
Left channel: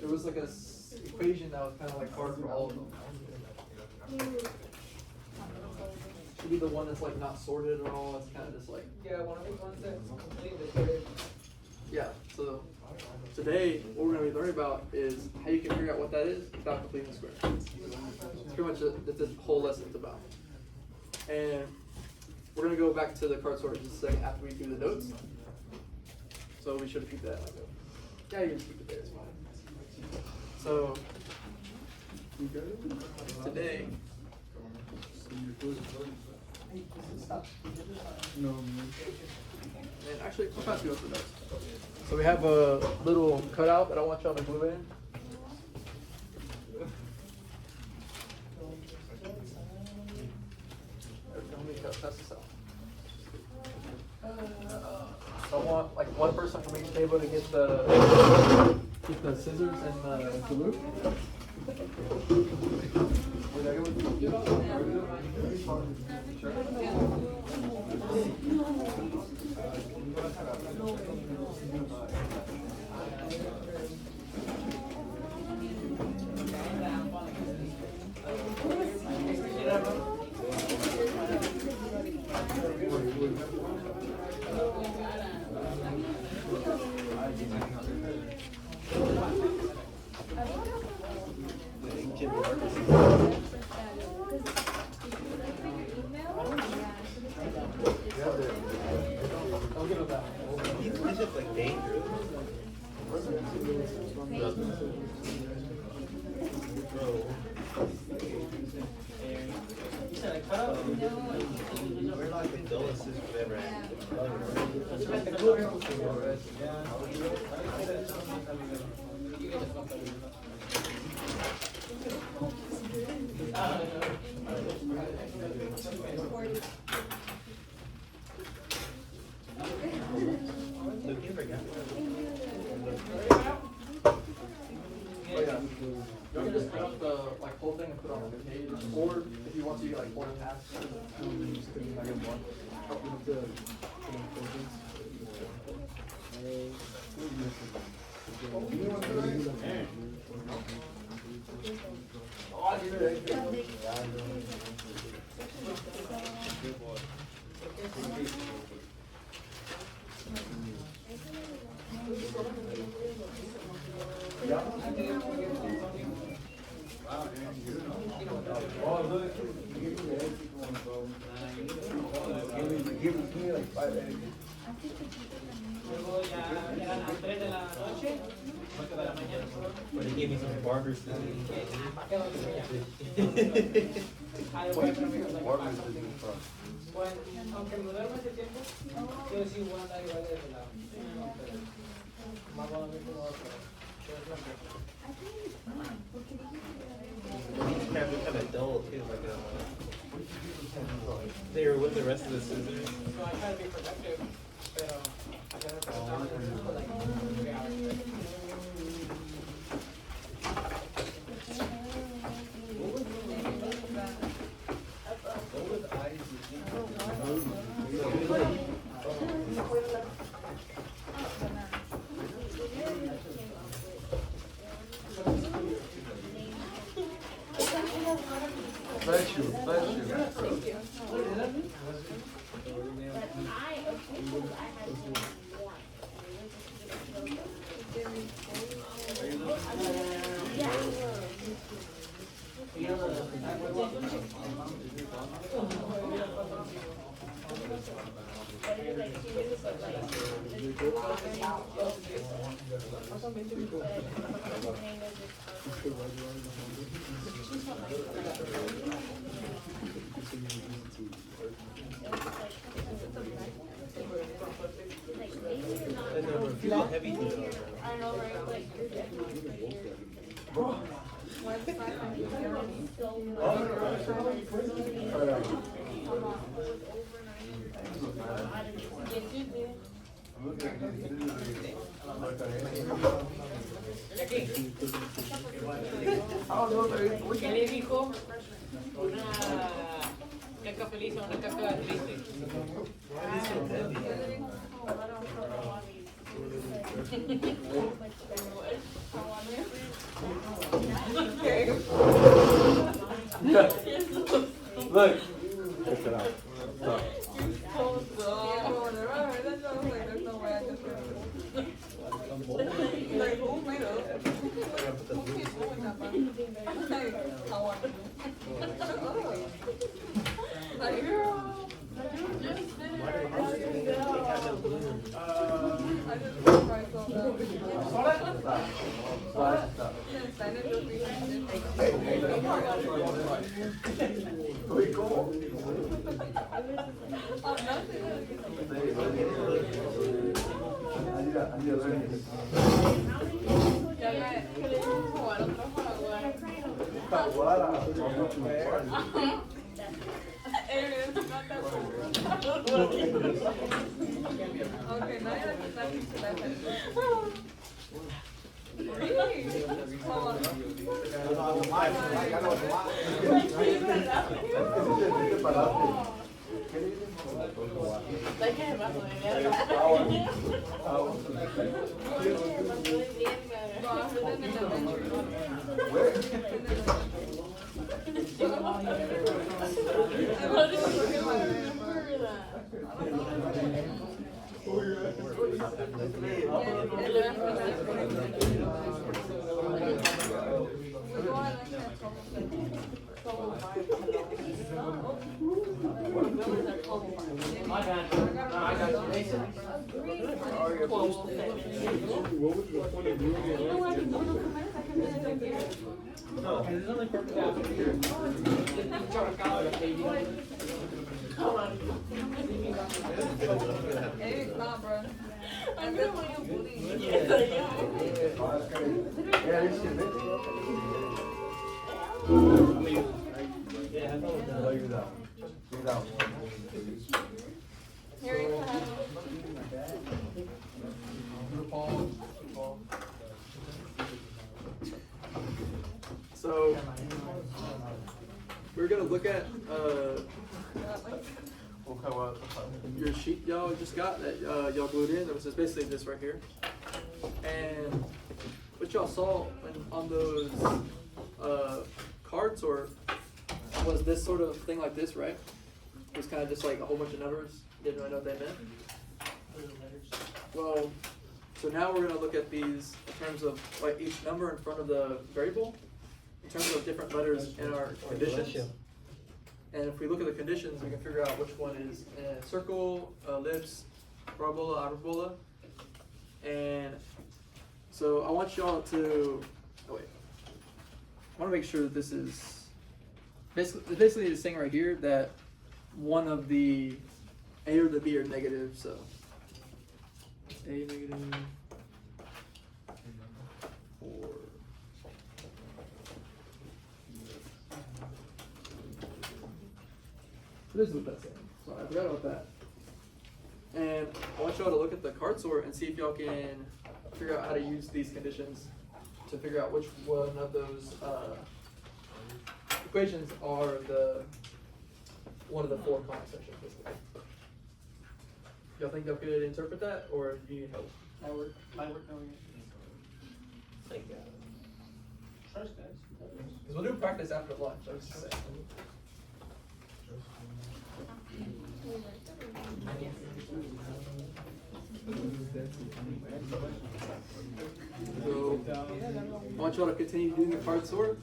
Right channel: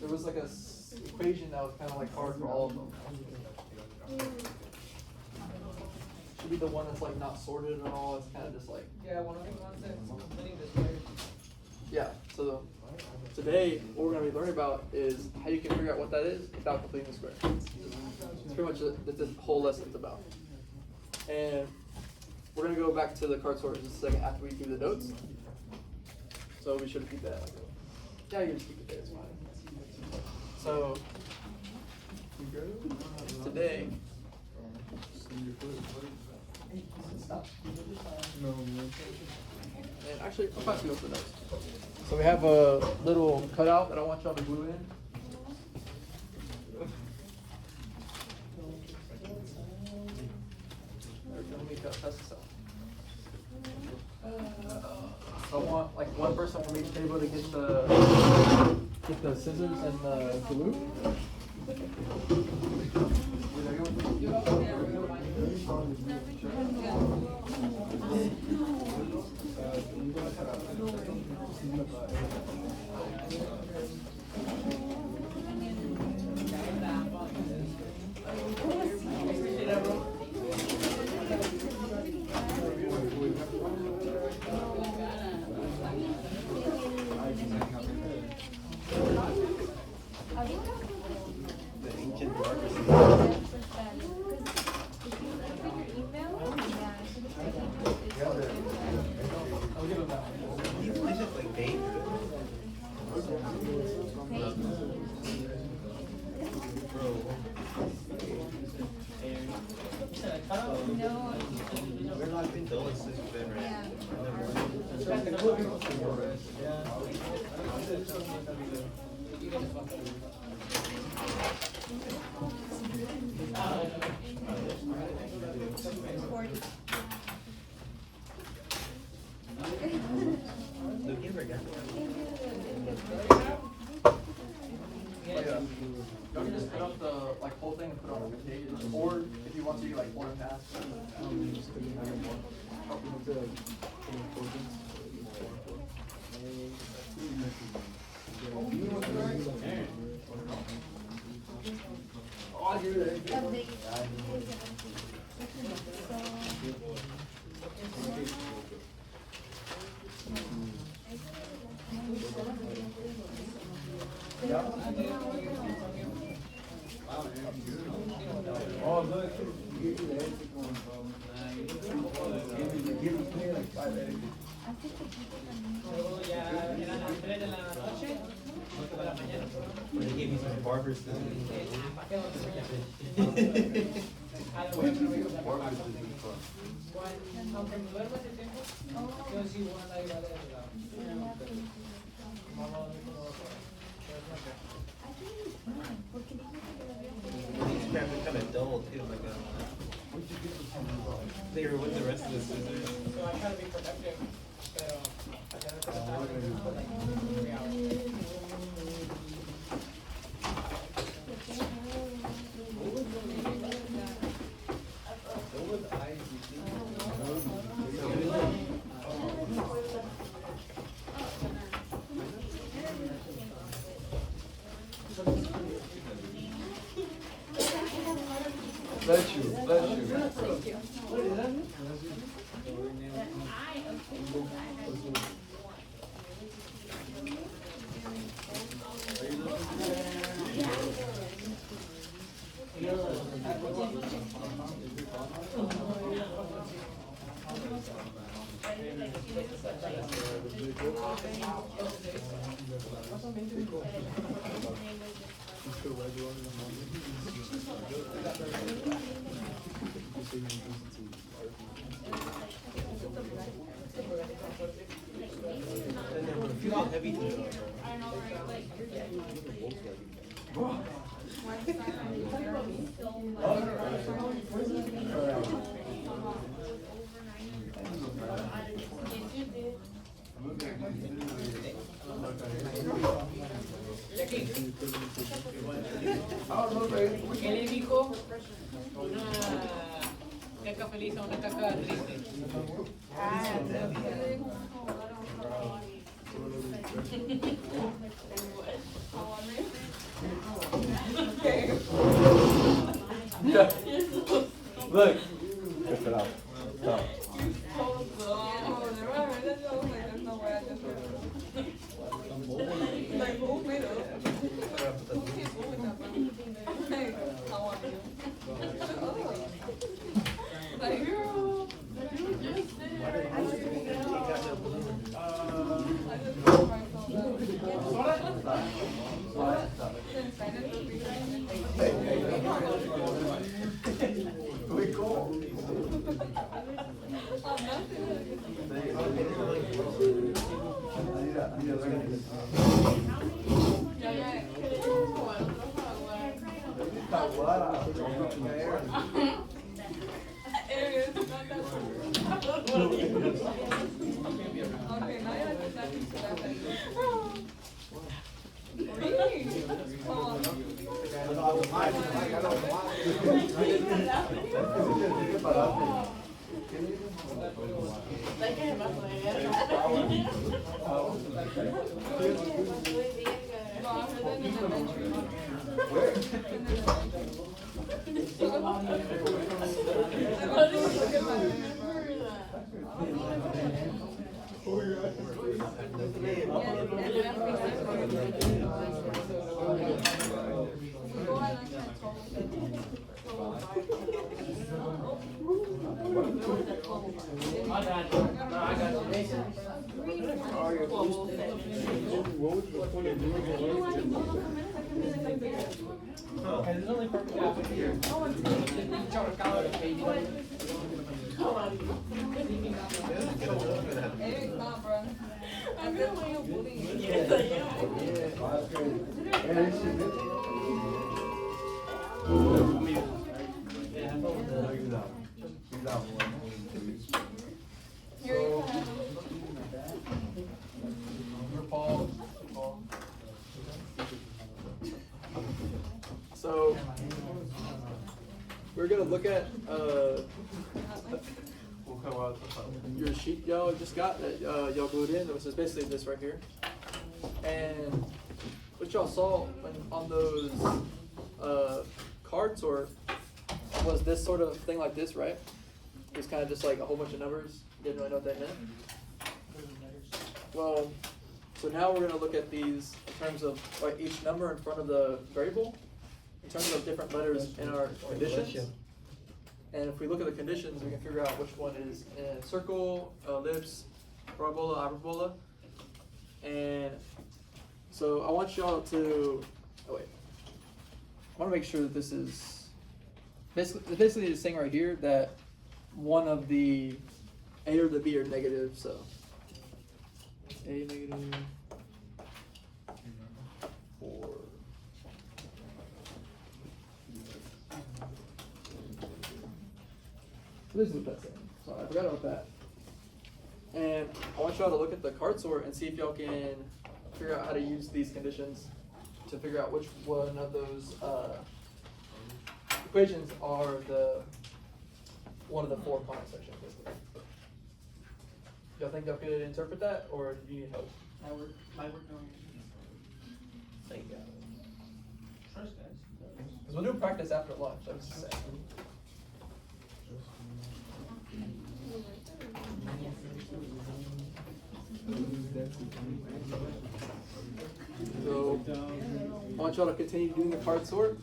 There was like a equation that was kind of like hard for all of them. Should be the one that's like not sorted at all. It's kind of just like. Yeah, one of the ones that's completing the square. Yeah. So today, what we're gonna be learning about is how you can figure out what that is without completing the square. It's pretty much what this whole lesson's about. And we're gonna go back to the card sort in just a second after we do the notes. So we should keep that like that. Yeah, you just keep it there. It's fine. So today. And actually, I'm about to go to the notes. So we have a little cutout that I want y'all to glue in. So I want like one person from each table to get the scissors and the glue. It's just like dangerous. We're like the dullest system ever Y'all can just cut up the like whole thing and put it on the page, or if you want to, you like fold it in half. When they gave me some barber scissors. These crabs are kind of dull too, like they were with the rest of the scissors. So I try to be productive, pero I gotta start for like 3 hours. Bless you, bless you. And then, bro, feel how heavy these are, bro. ¿Qué le dijo una caca feliz a una caca triste? Look. So we're gonna look at your sheet y'all just got that y'all glued in, which is basically this right here. And what y'all saw on those cards or was this sort of thing like this, right? It was kind of just like a whole bunch of numbers. Didn't really know what that meant. Well, so now we're gonna look at these in terms of like each number in front of the variable, in terms of different letters in our conditions. And if we look at the conditions, we can figure out which one is in a circle, ellipse, parabola, hyperbola. And so I want y'all to, I want to make sure that this is, basically this thing right here, that one of the A or the B are negative, so A negative, 4. This is what that's saying. So I forgot about that. And I want y'all to look at the card sort and see if y'all can figure out how to use these conditions to figure out which one of those equations are one of the 4 conic sections. Y'all think y'all could interpret that, or do you need help? My work. Thank you. Trust guys. Because we'll do practice after lunch, I was just saying. So, I want y'all to continue doing the card sort.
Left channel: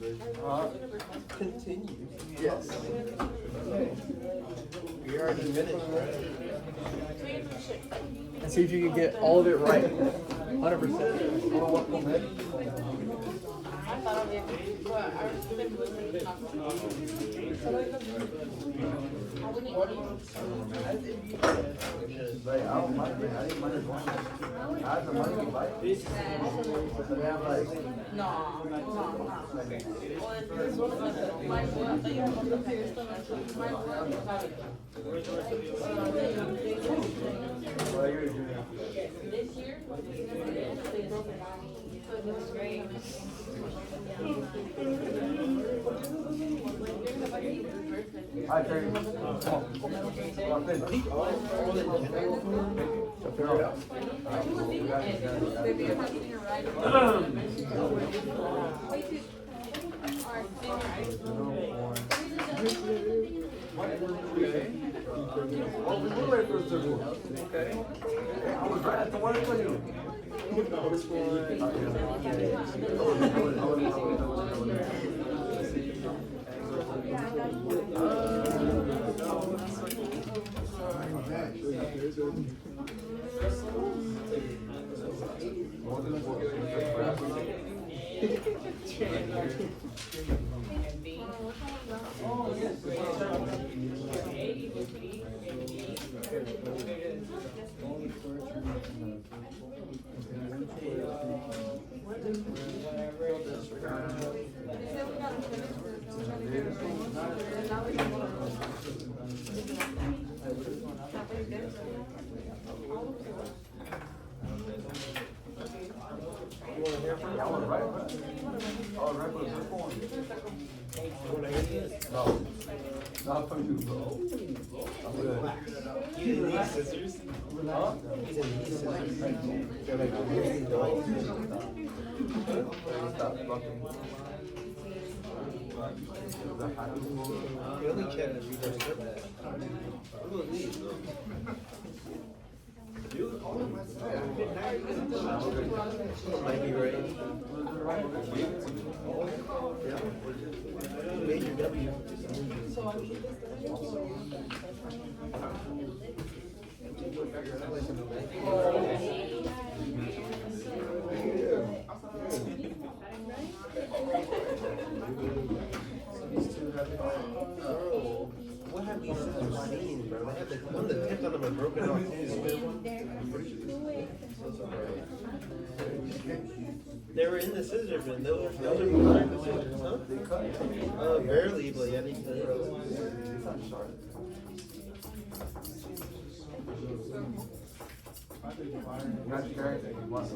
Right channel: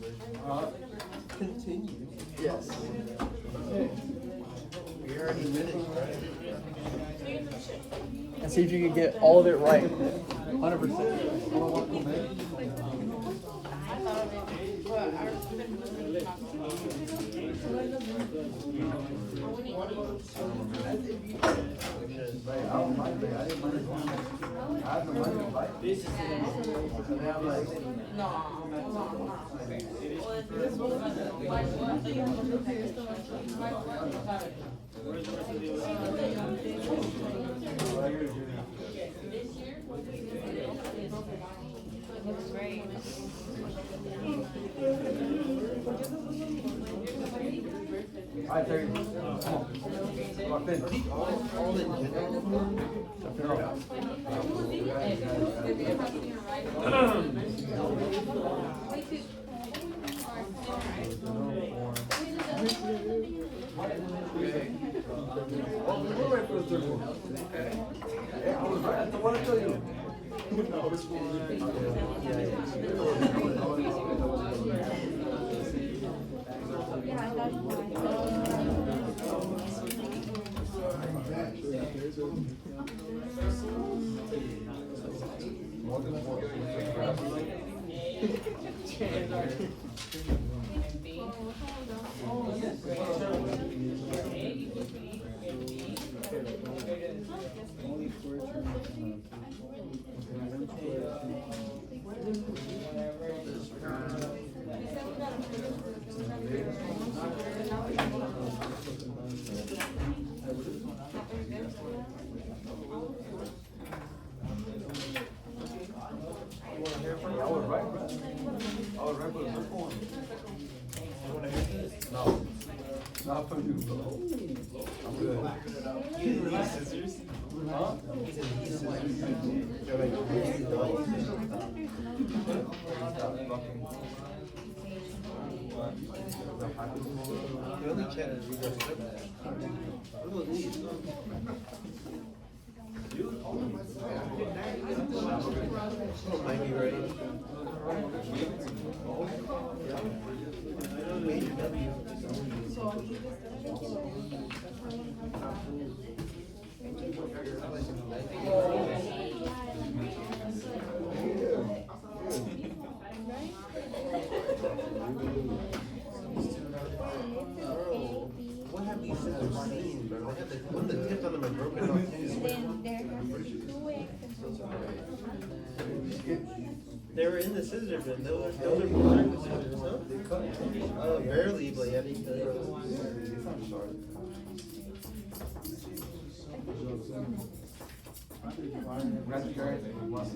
Continue. Yes. We already finished, right? And see if you can get all of it right. 100%. I tell you. All in general. To figure it out. We'll wait for the third one. Okay. I was right. That's the one I tell you. I was right, bro. I was right for the second one. No. Not for you, bro. These scissors. These scissors. They're like really dull. You only can read that. What about these, bro? Someone might be right. Maybe W. Oh, what have these scissors seen, bro? They have the one of the tips on them are broken off too. They were in the scissor bin. Those are in the scissors, huh? Barely, but yeah, they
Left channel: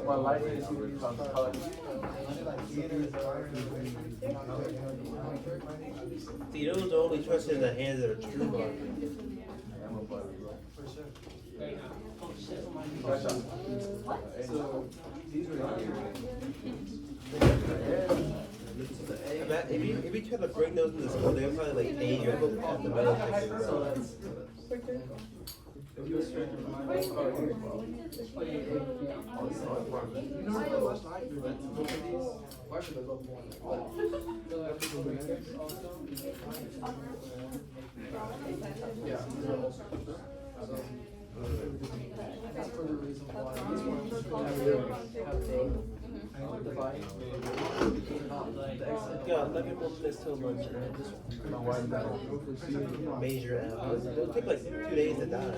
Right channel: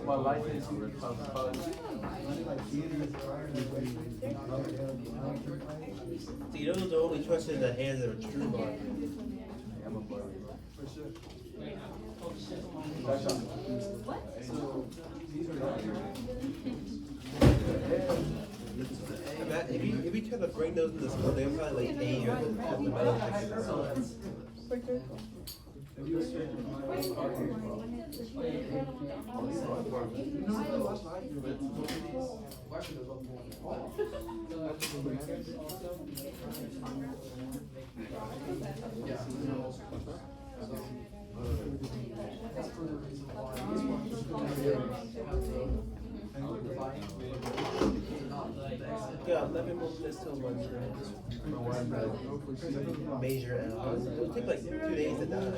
My life is super tough. See, those are only trusted in the hands of a true barber. If you try to bring those in the school, they'll probably like pay you at the metal detector, bro. Yeah, 11 more minutes till lunch, right? Major apples. It'll take like 2 days to die.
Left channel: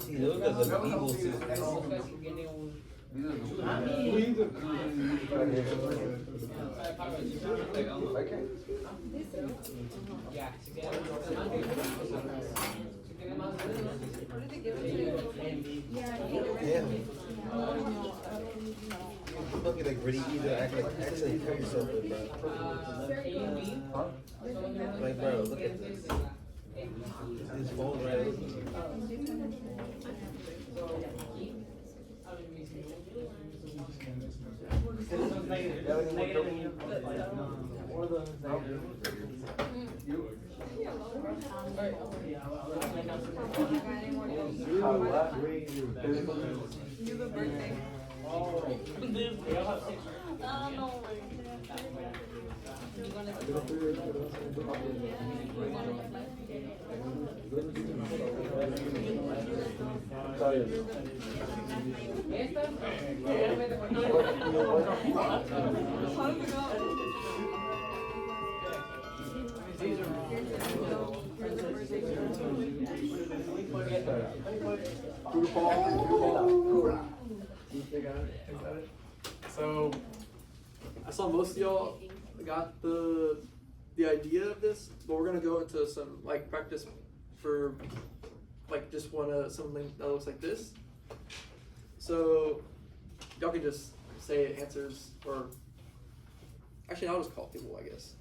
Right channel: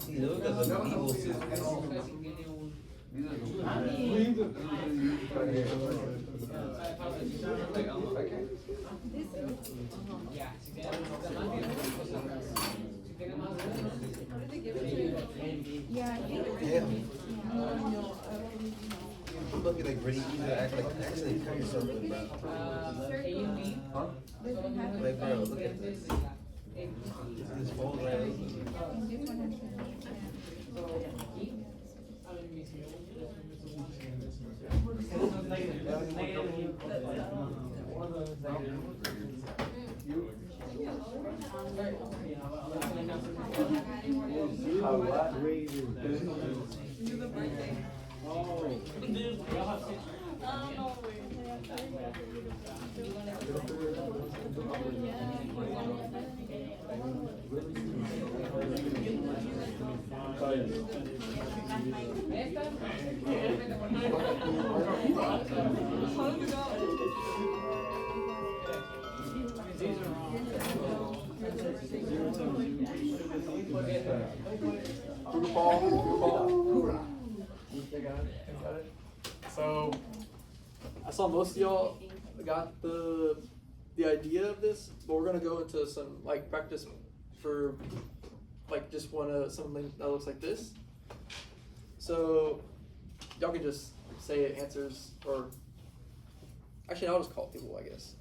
See, those are the evil suits. It must be like really easy to actually cut yourself with, bro. Like, bro, look at this. This fold right. These are So, I saw most of y'all got the idea of this, but we're gonna go into some like practice for like just something that looks like this. So, y'all can just say answers, or actually, I'll just call people, I guess.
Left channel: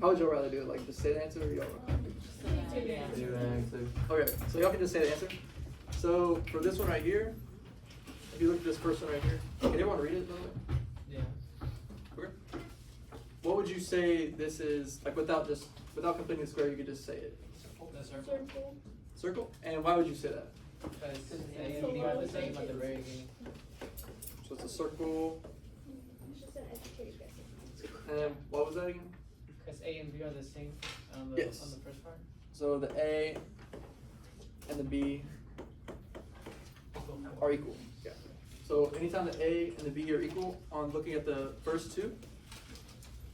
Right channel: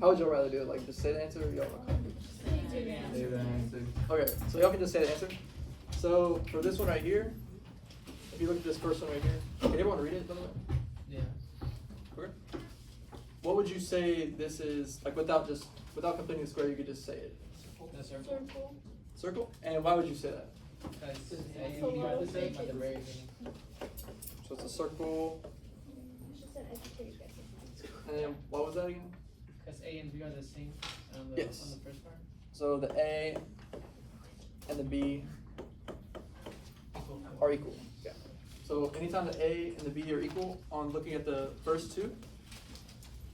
How would y'all rather do it? Like just say the answer, or y'all? Okay, so y'all can just say the answer. So for this one right here, if you look at this first one right here, can everyone read it by the way? Yeah. Okay. What would you say this is, like without completing the square, you could just say it. Circle. Circle? And why would you say that? Because A and B are the same at the very beginning. So it's a circle, It's just an education. and what was that again? Because A and B are the same on the Yes. first part. So the A and the B are equal. Yeah. So anytime the A and the B are equal, on looking at the first two,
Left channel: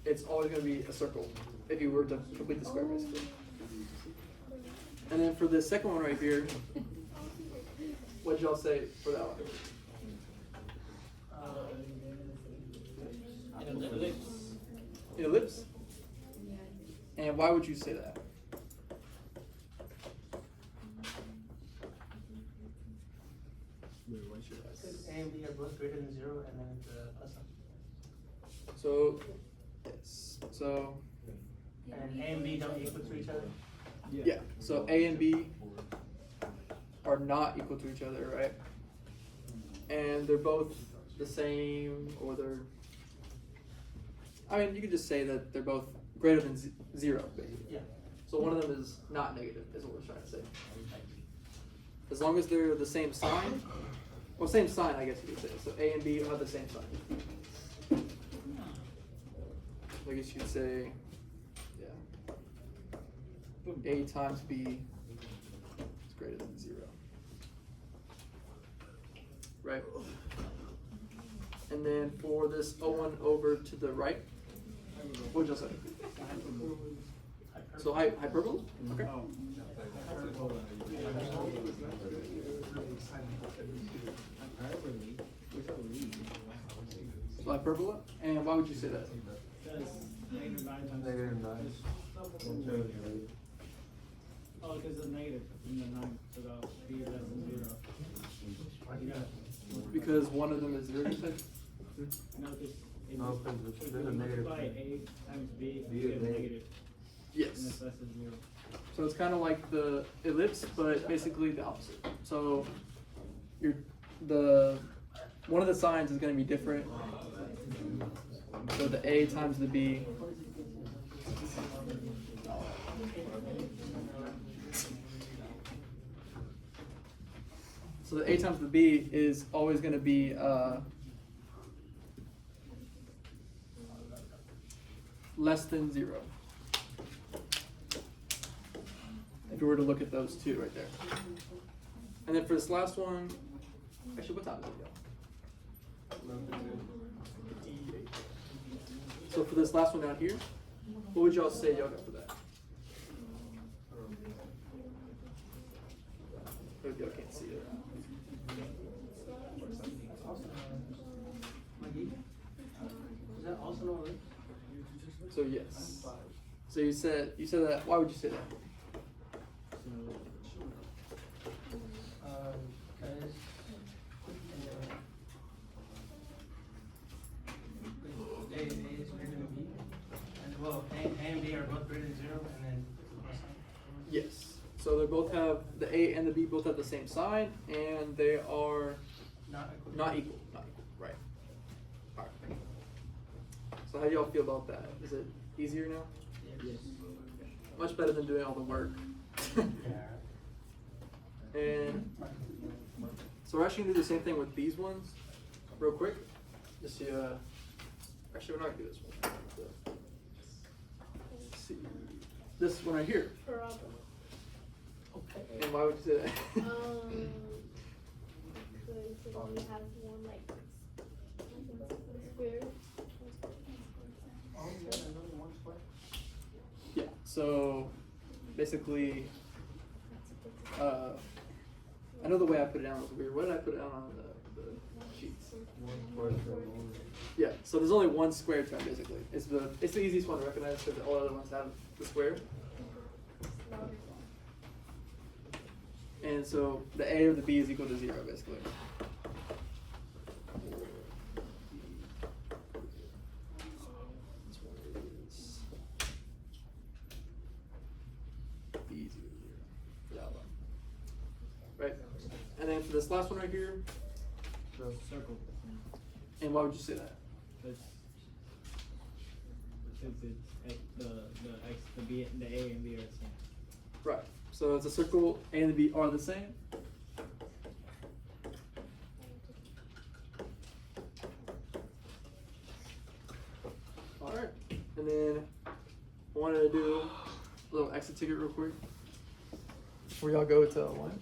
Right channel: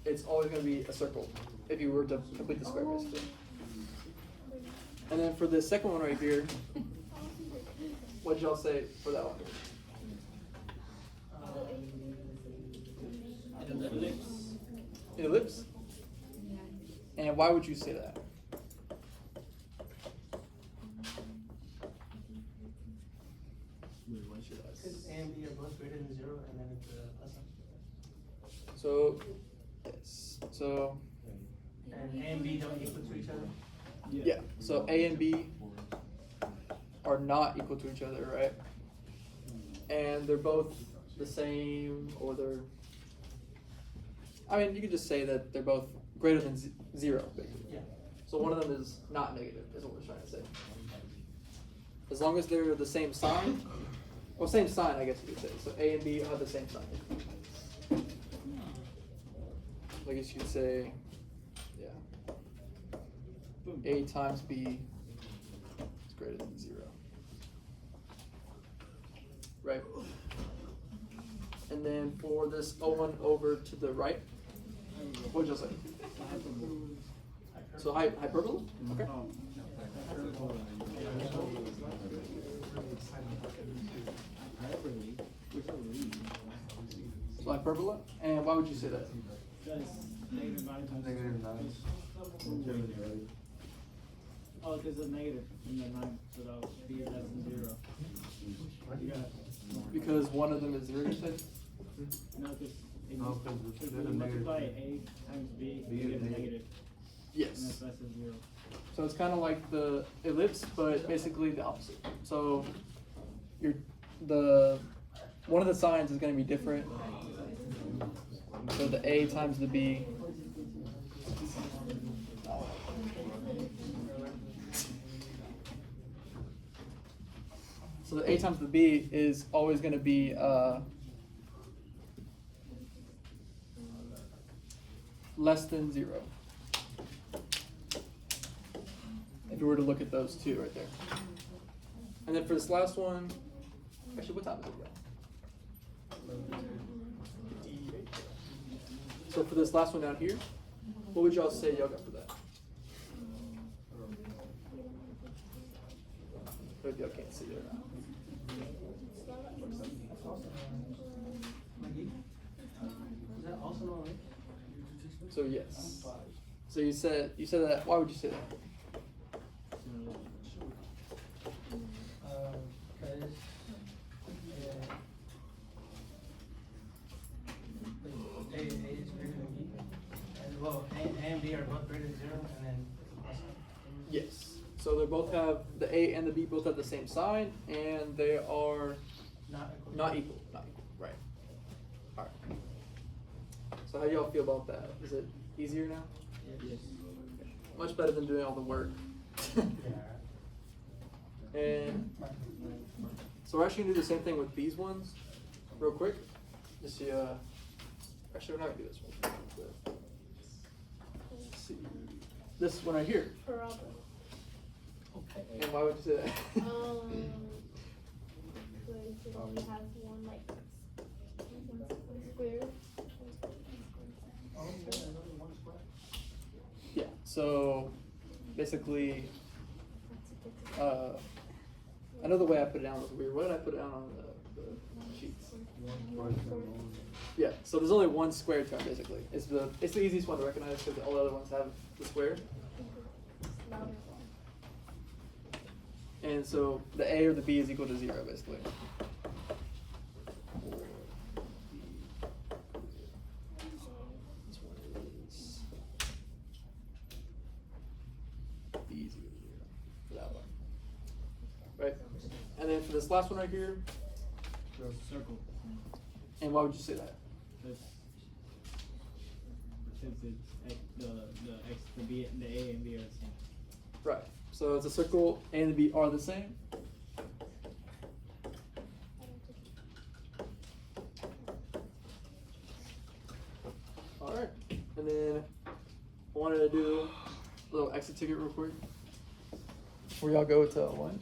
it's always going to be a circle if you were to complete the square, basically. And then for the second one right here, what did y'all say for that one? An ellipse. An ellipse? And why would you say that? Because A and B are both greater than 0, and then it's a plus sign. So, yes. So, And A and B don't equal to each other. yeah. So A and B are not equal to each other, right? And they're both the same, or they're, I mean, you could just say that they're both greater than 0, basically. Yeah. So one of them is not negative, is what we're trying to say. As long as they're the same sign, well, same sign, I guess you could say. So A and B have the same sign. I guess you could say, yeah, A times B is greater than 0. Right? And then for this O1 over to the right, what would you say? So hyperbola? Okay. So hyperbola, and why would you say that? Negative 9 times. Negative 9. Oh, because it's negative in the 9, so that'll be less than 0. You gotta. Because one of them is 0, you said? No, because No, because if it's you a negative. multiply A times B, B you is get negative. negative. Yes. And that's less than 0. So it's kind of like the ellipse, but basically the opposite. So one of the signs is going to be different. So the A times the B. So the A times the B is always going to be less than 0. If you were to look at those two right there. And then for this last one, actually, what time is it? So for this last one down here, what would y'all say y'all got for that? If y'all can't see it. Is that also no ellipse? So yes. So you said that. Why would you say that? Because A is greater than B. As well, A and B are both greater than 0, and then plus sign. Yes. So they both have the A and the B both have the same sign, and they are Not equal. not equal. Not equal. Right. All right. So how do y'all feel about that? Is it easier now? Yes. Much better than doing all the work. And so we're actually gonna do the same thing with these ones, real quick. Just actually we're not gonna do this one. this one right here. Parabola. And why would you say that? Because it only has one like square. Yeah, so basically, I know the way I put it down was weird. What did I put down on the sheets? Yeah, so there's only one square term basically. It's the easiest one to recognize because all the other ones have the square. And so the A or the B is equal to 0 basically. Easy. That one. Right? And then for this last one right here, Circle. and why would you say that? That's since it's the B, the A and B are the same. Right. So it's a circle, A and the B are the same. Alright. And then I wanted to do a little exit ticket real quick. Before y'all go to one.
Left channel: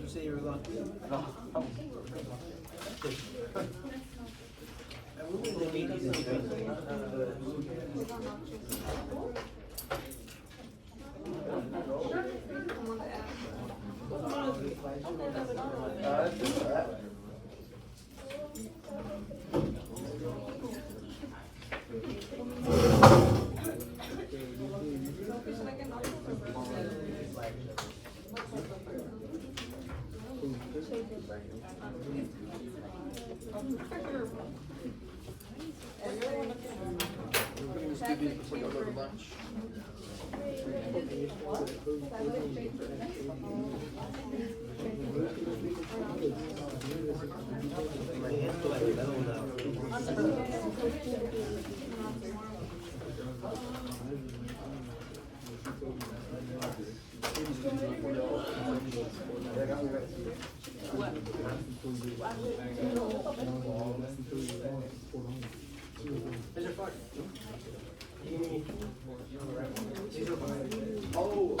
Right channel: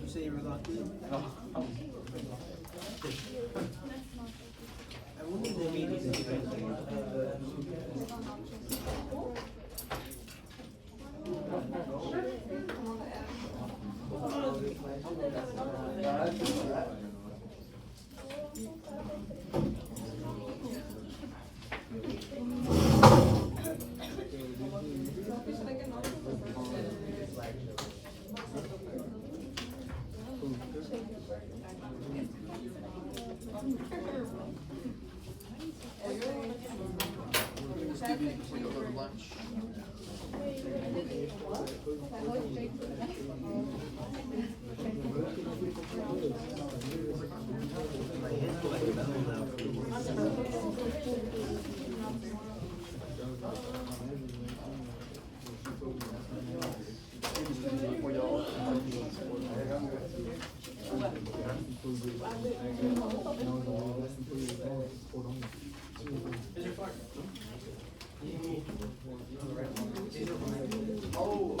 You say you were locked in? I wonder if they made these in China. Before y'all go to lunch. My hands feel like metal now. Oh.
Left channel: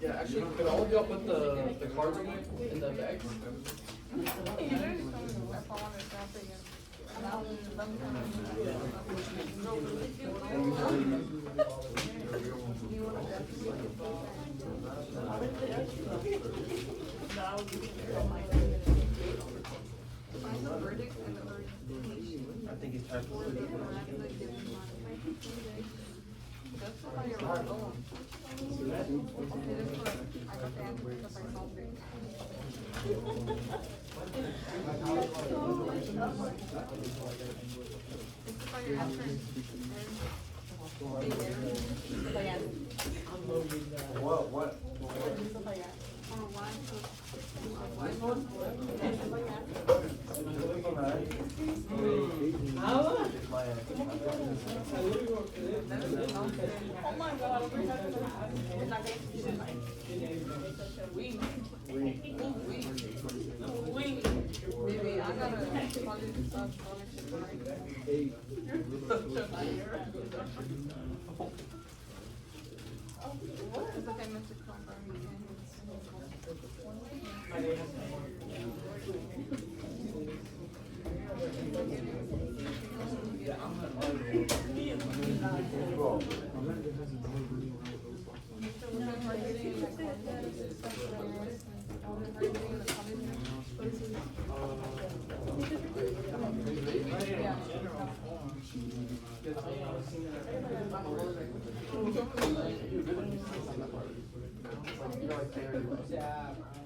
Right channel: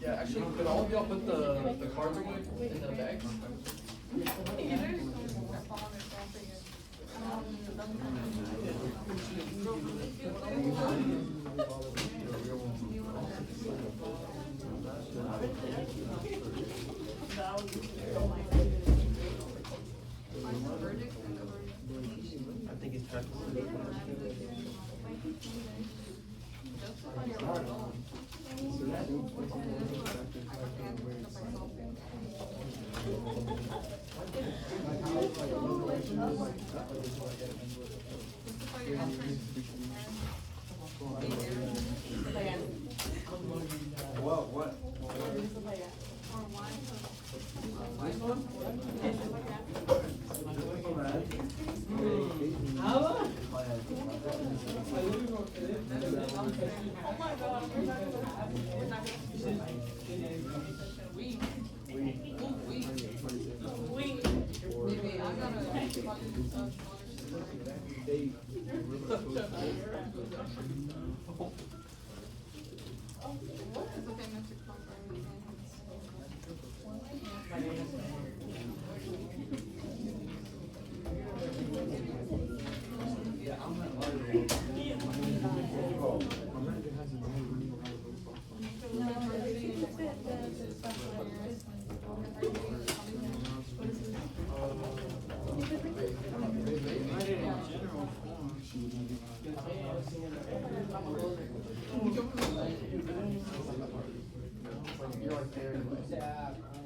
Yeah, actually, could all of y'all put the cards away in the bags? I think it's time for What?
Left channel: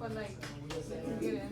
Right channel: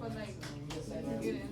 But like, get in,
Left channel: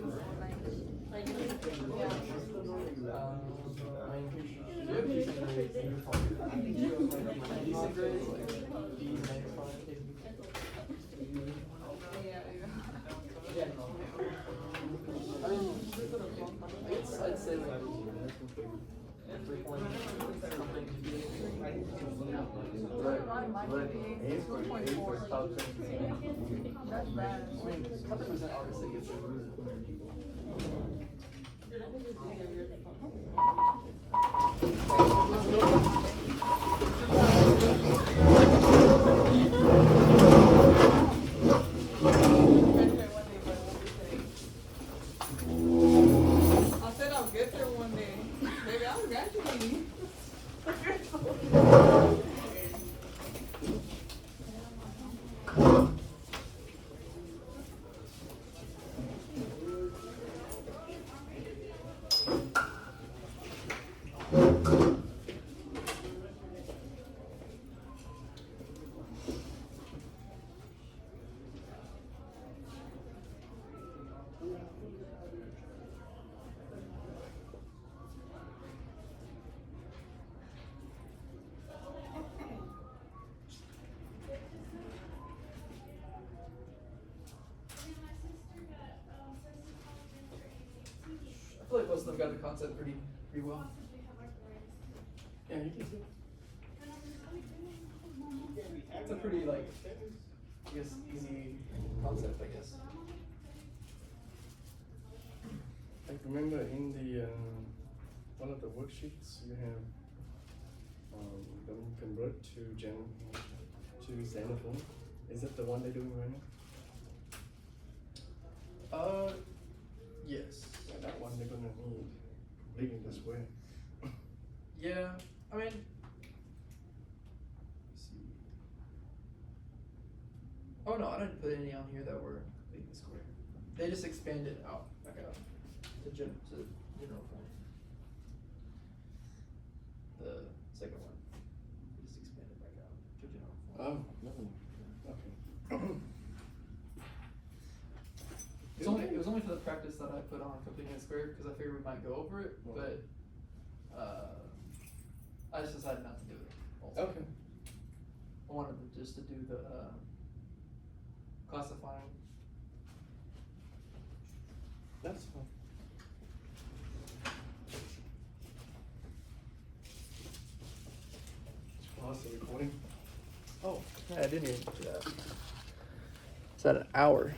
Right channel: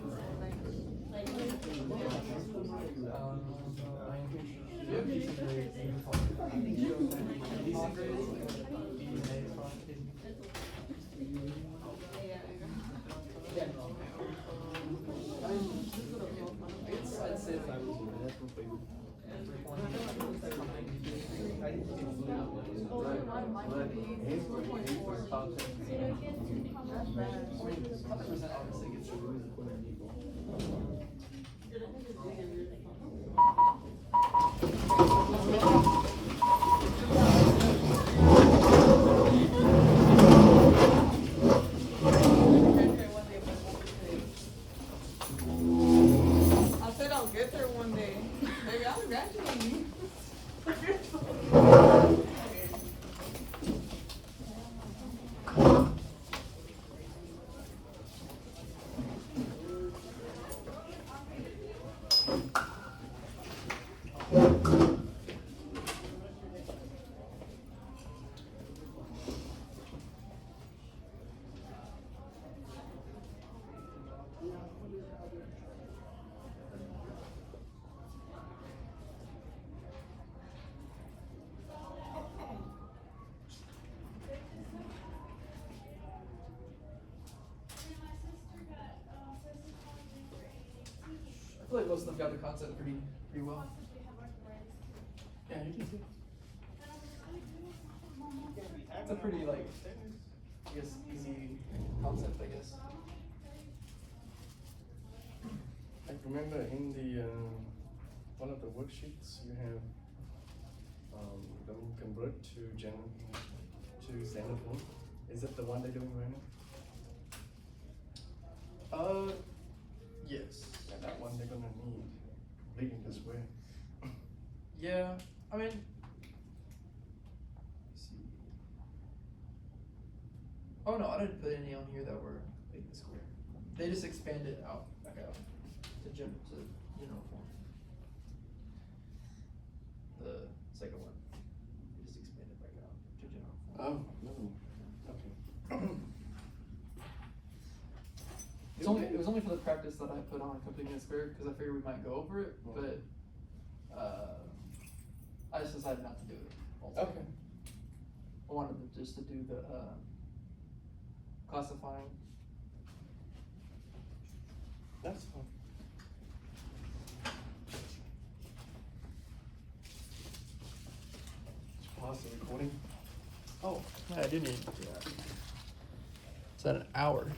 I said I'll get there one day. Baby, I'm graduating. I feel like most of them got the concept pretty well. Yeah, you can see. It's a pretty like, I guess, easy concept, I guess. I remember in the, one of the worksheets, you have, them convert to Xenophone. Is that the one they're doing right now? Yes. Yeah, that one they're gonna need, leaving this way. Yeah, I mean, let's see. Oh no, I didn't put any on here that were big and square. They just expanded out back out to general form. The second one, just expanded back out to general form. Okay. It was only for the practice that I put on completing a square because I figured we might go over it, but I just decided not to do it. Also. Okay. I wanted just to do the classifying. That's fine. Pause the recording. Oh, yeah, I do need to do that. It's at an hour.